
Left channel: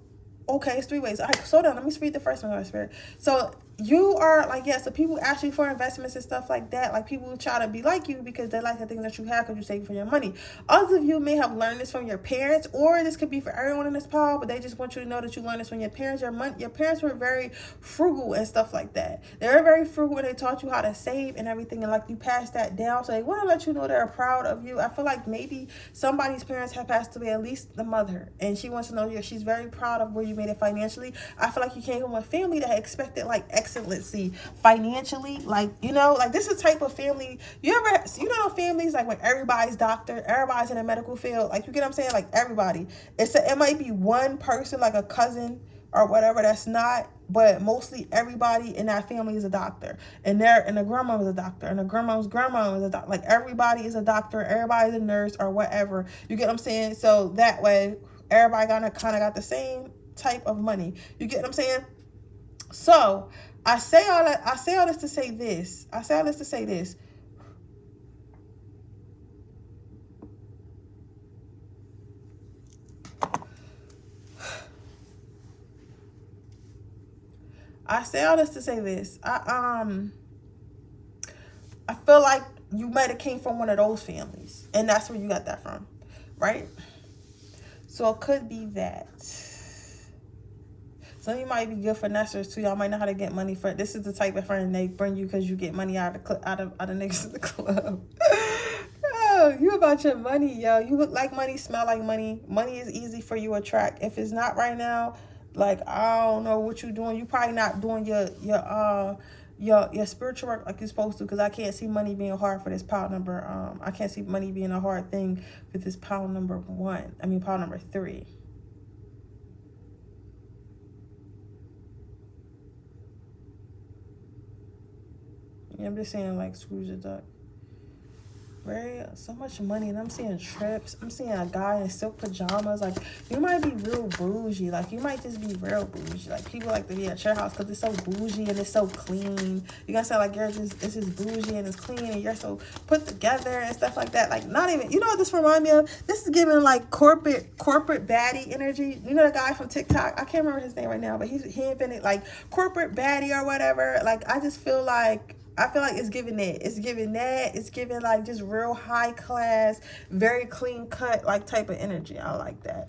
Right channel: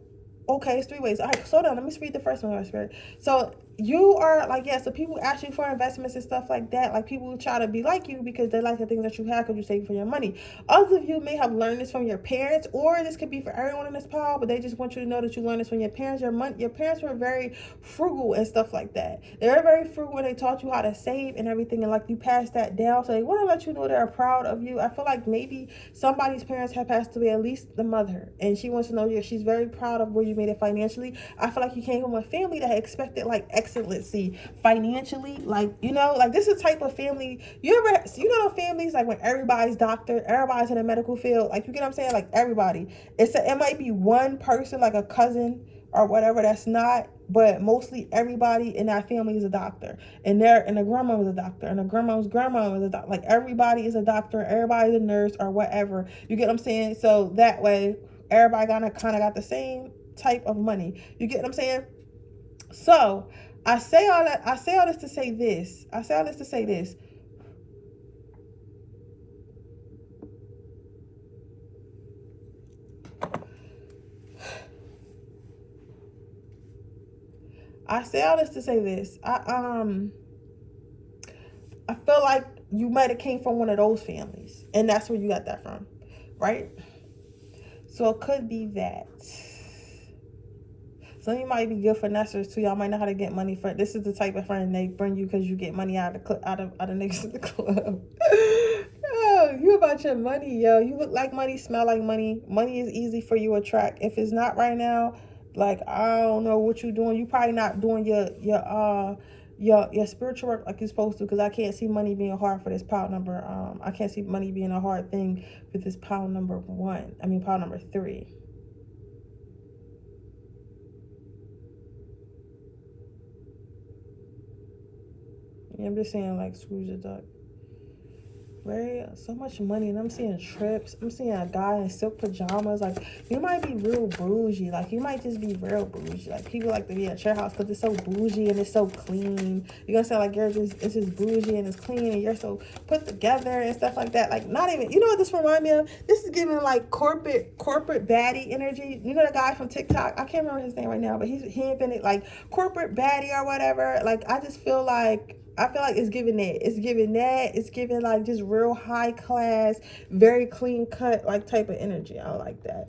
okay, it's 3 ways. All right, slow down. Let me read the first one, Spirit. So you are like, yeah, so people ask you for investments and stuff like that. Like, people try to be like you because they like the things that you have because you save for your money. Others of you may have learned this from your parents, or this could be for everyone in this pile, but they just want you to know that you learned this from your parents. Your parents were very frugal and stuff like that. They were very frugal and they taught you how to save and everything, and like you passed that down. So they want to let you know they're proud of you. I feel like maybe somebody's parents have passed away, at least the mother, and she wants to know that she's very proud of where you made it financially. I feel like you came from a family that expected like excellency financially, like, you know, like this is the type of family you know families like when everybody's doctor, everybody's in the medical field, like, you get what I'm saying, like everybody, it might be one person like a cousin or whatever that's not, but mostly everybody in that family is a doctor, and the grandma was a doctor, and the grandma's grandma was a doctor. Like, everybody is a doctor, everybody's a nurse or whatever, you get what I'm saying? So that way everybody kind of got the same type of money, you get what I'm saying? So I say all this to say this. I feel like you might have came from one of those families, and that's where you got that from, right? So it could be that. Some of you might be good finessers too. Y'all might know how to get money for. This is the type of friend they bring you because you get money out of niggas in the club. Oh, you about your money, yo. You look like money, smell like money. Money is easy for you to attract. If it's not right now, like, I don't know what you're doing. You probably not doing your spiritual work like you're supposed to, because I can't see money being hard for this pile number. I can't see money being a hard thing with this pile number pile number 3. I'm just saying, like, Scrooge the Duck. Right? So much money, and I'm seeing trips. I'm seeing a guy in silk pajamas. Like, you might be real bougie. Like, you might just be real bougie. Like, people like to be at your house because it's so bougie and it's so clean. You're gonna sound like it's just bougie and it's clean and you're so put together and stuff like that. Like, not even, you know what this remind me of? This is giving like corporate baddie energy. You know the guy from TikTok? I can't remember his name right now, but he invented like corporate baddie or whatever. Like, I feel like it's giving that. It's giving like just real high class, very clean cut, like type of energy. I like that.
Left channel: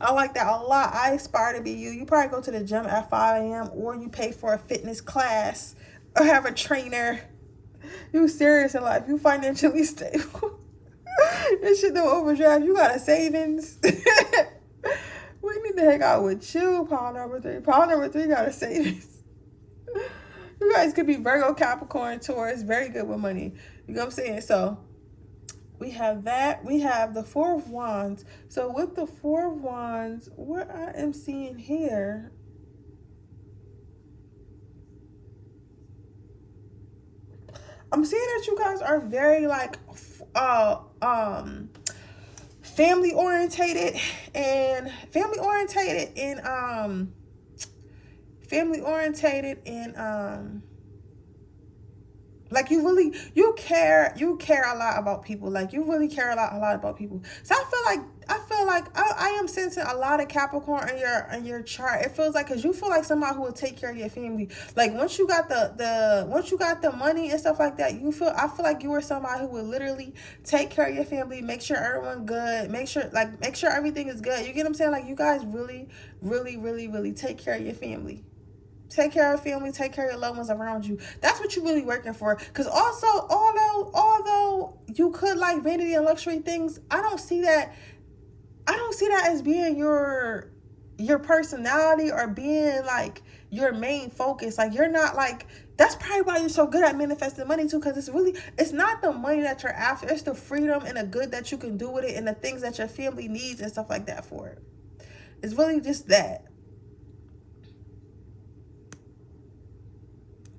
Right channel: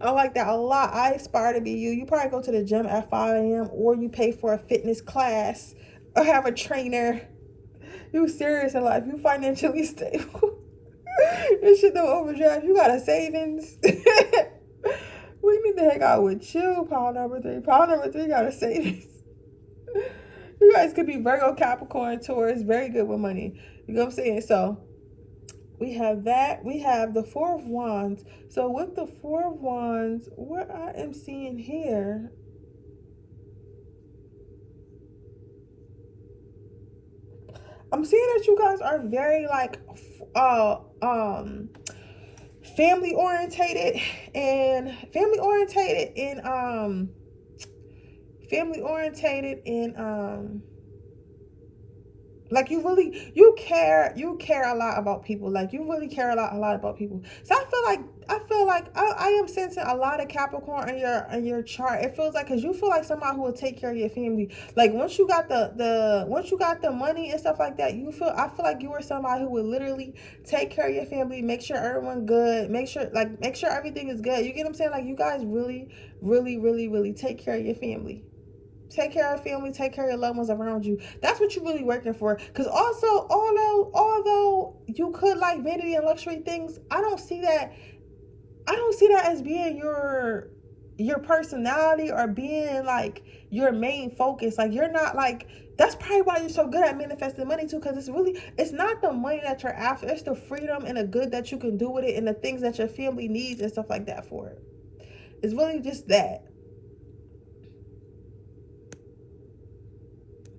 I like that a lot. I aspire to be you. You probably go to the gym at 5 a.m. or you pay for a fitness class or have a trainer. You serious in life. You financially stable. This shit don't overdraft. You got a savings. We need to hang out with you. Pile number 3 got a savings. You guys could be Virgo, Capricorn, Taurus, very good with money. You know what I'm saying? So we have that. We have the 4 of Wands. So with the 4 of Wands, what I am seeing here, I'm seeing that you guys are very like family orientated and like you care a lot about people. Like, you really care a lot about people. So I feel like I am sensing a lot of Capricorn in your chart. It feels like, because you feel like somebody who will take care of your family. Like, once you got the money and stuff like that, I feel like you are somebody who would literally take care of your family, make sure everyone's good, make sure everything is good. You get what I'm saying? Like, you guys really, really, really, really take care of your family. Take care of family, take care of your loved ones around you. That's what you're really working for. Because also, although you could like vanity and luxury things, I don't see that as being your personality or being like your main focus. Like, you're not like, that's probably why you're so good at manifesting money too, because it's not the money that you're after, it's the freedom and the good that you can do with it and the things that your family needs and stuff like that for it. It's really just that.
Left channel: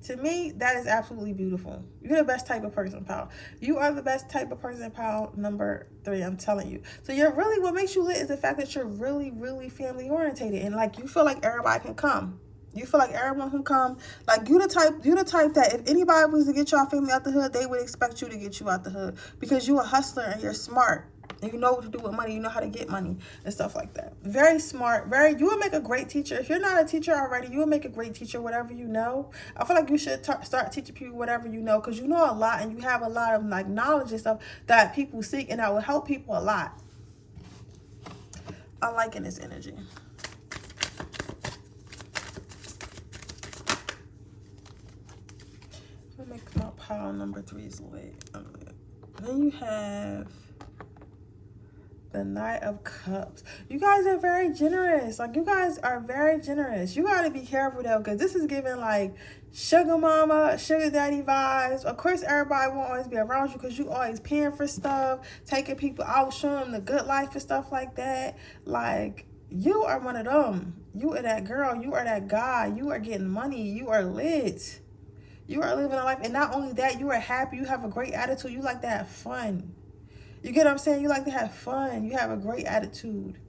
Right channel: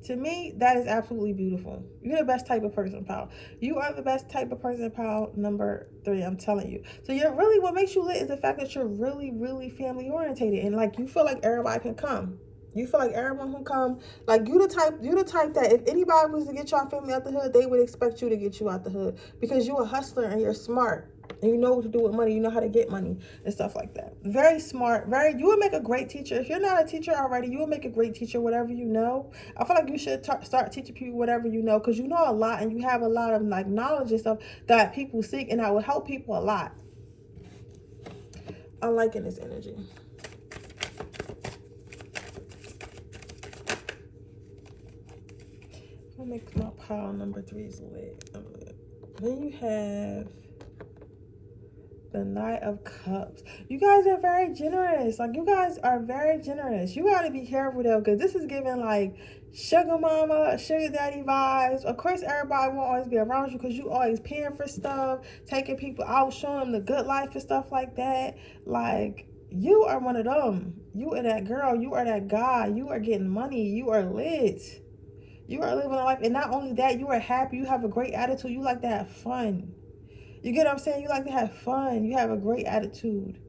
To me, that is absolutely beautiful. You're the best type of person, pal. You are the best type of person, pal, number 3, I'm telling you. So what makes you lit is the fact that you're really, really family orientated, and like, you feel like everybody can come. You feel like everyone can come. Like, you the type that if anybody was to get y'all family out the hood, they would expect you to get you out the hood, because you a hustler and you're smart. And you know what to do with money. You know how to get money and stuff like that. Very smart. You will make a great teacher. If you're not a teacher already, you will make a great teacher, whatever you know. I feel like you should start teaching people whatever you know, because you know a lot and you have a lot of like knowledge and stuff that people seek, and that will help people a lot. I'm liking this energy. I'll make my pile number 3 is lit. Then you have the Knight of Cups. You guys are very generous. Like, you guys are very generous. You got to be careful though, because this is giving like sugar mama, sugar daddy vibes. Of course, everybody won't always be around you because you always paying for stuff, taking people out, showing them the good life and stuff like that. Like, you are one of them. You are that girl. You are that guy. You are getting money. You are lit. You are living a life. And not only that, you are happy. You have a great attitude. You like to have fun. You get what I'm saying? You like to have fun. You have a great attitude.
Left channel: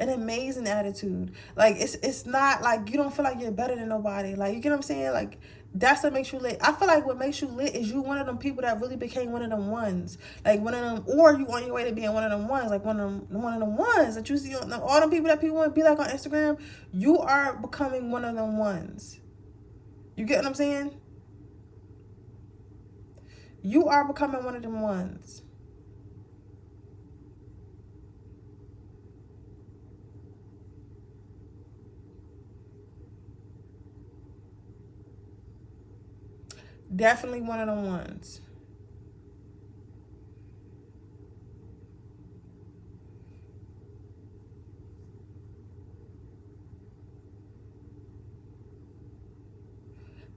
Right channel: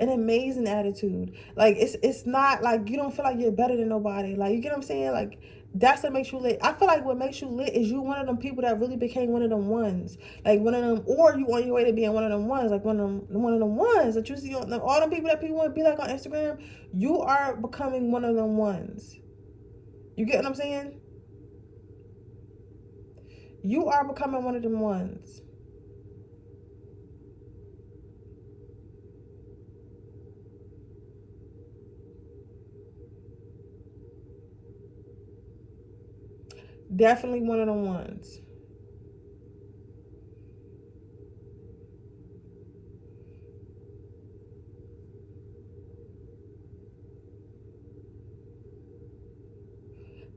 An amazing attitude. Like, it's not like you don't feel like you're better than nobody. Like, you get what I'm saying? Like, that's what makes you lit. I feel like what makes you lit is you one of them people that really became one of them ones. Like, one of them, or you on your way to being one of them ones. Like, one of them ones that you see on all them people that people want to be like on Instagram. You are becoming one of them ones. You get what I'm saying? You are becoming one of them ones. Definitely one of them ones.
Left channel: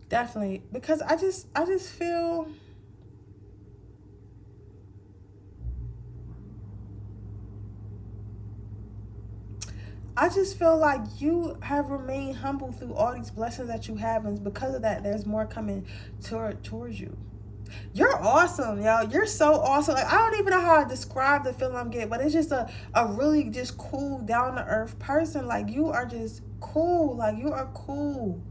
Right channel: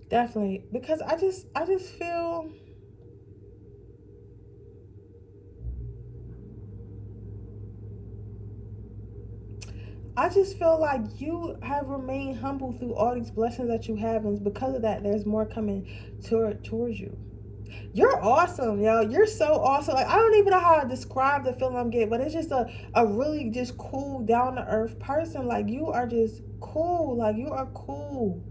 Definitely. Because I just feel like you have remained humble through all these blessings that you have, and because of that, there's more coming towards you. You're awesome, yo. You're so awesome. Like, I don't even know how to describe the feeling I'm getting, but it's just a really just cool, down-to-earth person. Like, you are just cool. Like, you are cool.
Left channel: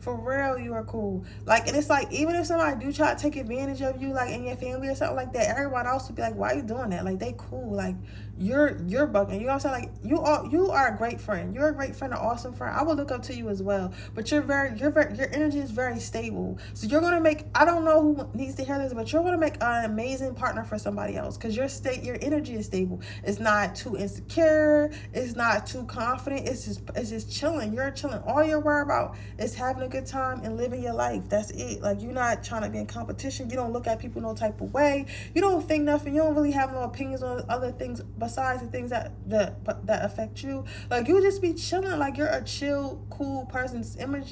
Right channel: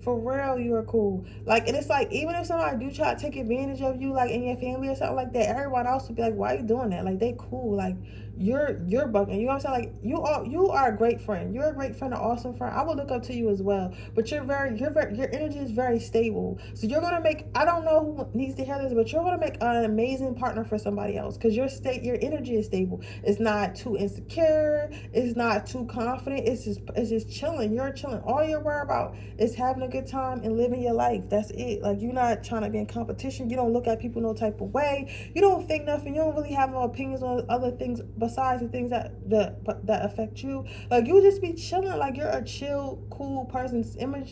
For real, you are cool. Like, and it's like, even if somebody do try to take advantage of you, like in your family or something like that, everyone else would be like, why are you doing that? Like, they cool. Like, you're bugging. You know what I'm saying? Like, you are a great friend. You're a great friend, an awesome friend. I would look up to you as well. But your energy is very stable. So you're gonna make, I don't know who needs to hear this, but you're gonna make an amazing partner for somebody else, because your energy is stable. It's not too insecure. It's not too confident. It's just chilling. You're chilling. All you're worried about is having a good time and living your life. That's it. Like, you're not trying to be in competition. You don't look at people no type of way. You don't think nothing. You don't really have no opinions on other things besides the things that affect you. Like, you just be chilling. Like, you're a chill, cool person.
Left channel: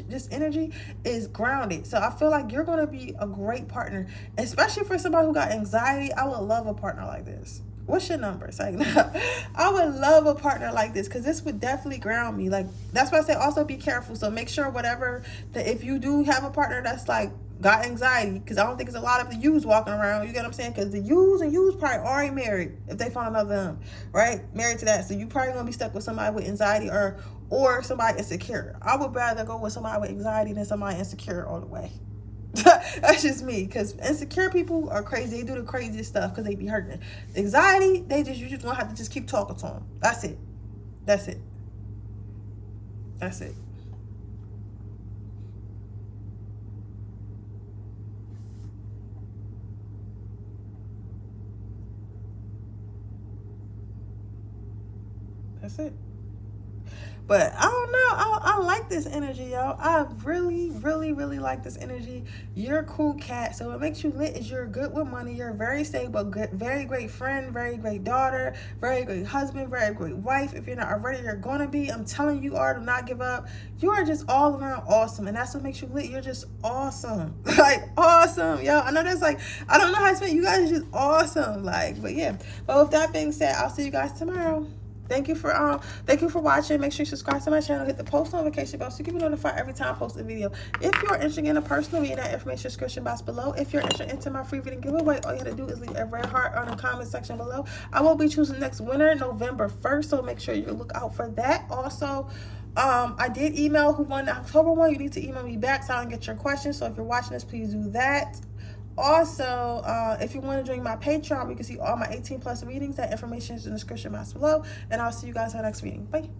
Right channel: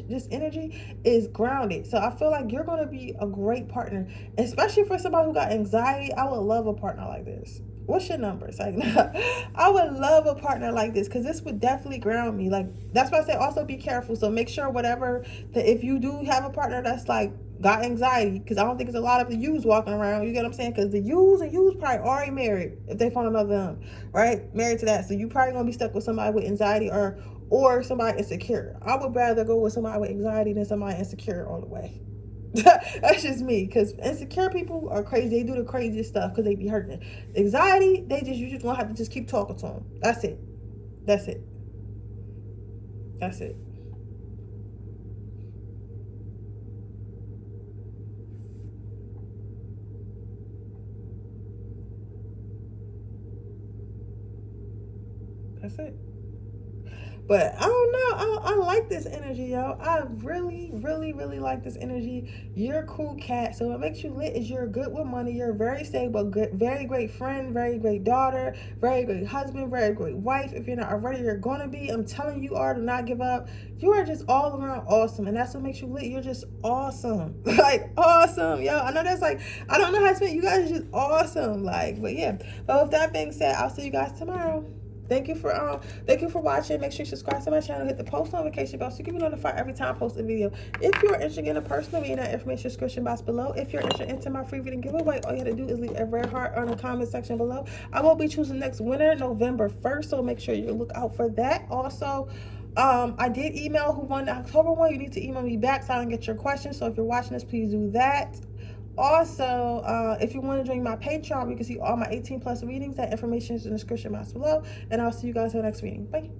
This energy is grounded. So I feel like you're going to be a great partner, especially for somebody who got anxiety. I would love a partner like this. What's your number? It's like, no, I would love a partner like this, because this would definitely ground me. Like, that's why I say also be careful. So make sure if you do have a partner that's like got anxiety, because I don't think there's a lot of the yous walking around. You get what I'm saying? Because the yous probably already married if they find another them, right? Married to that. So you probably gonna be stuck with somebody with anxiety or somebody insecure. I would rather go with somebody with anxiety than somebody insecure all the way. That's just me, because insecure people are crazy. They do the craziest stuff because they be hurting. Anxiety, you just gonna have to just keep talking to them. That's it. That's it. That's it. That's it. But I don't know. I like this energy, yo. I really, really, really like this energy. You're a cool cat. So what makes you lit is you're good with money. You're very stable, good, very great friend, very great daughter, very great husband, very great wife. If you're not already, you're going to be. I'm telling you, do not give up. You are just all around awesome. And that's what makes you lit. You're just awesome. Like, awesome, yo. I know that's like, I don't know how to say it. You guys are just awesome. Like, but yeah. But with that being said, I'll see you guys tomorrow. Thank you for watching. Make sure you subscribe to my channel, hit the post notification bell so you can be notified every time I post a video. If you're interested in a personal reading, that information description box below. If you're interested into my free reading giveaway, all you have to do is leave a red heart on the comment section below. I will be choosing next winner November 1st, so make sure you look out for that. Also, I did email who won the October one. You need to email me back so I can get your questions. So if you're watching this, please do that. Also, if you want to join my Patreon, you can see all my 18+ readings. That information is in the description box below. And I'll see you guys in the next reading. Bye.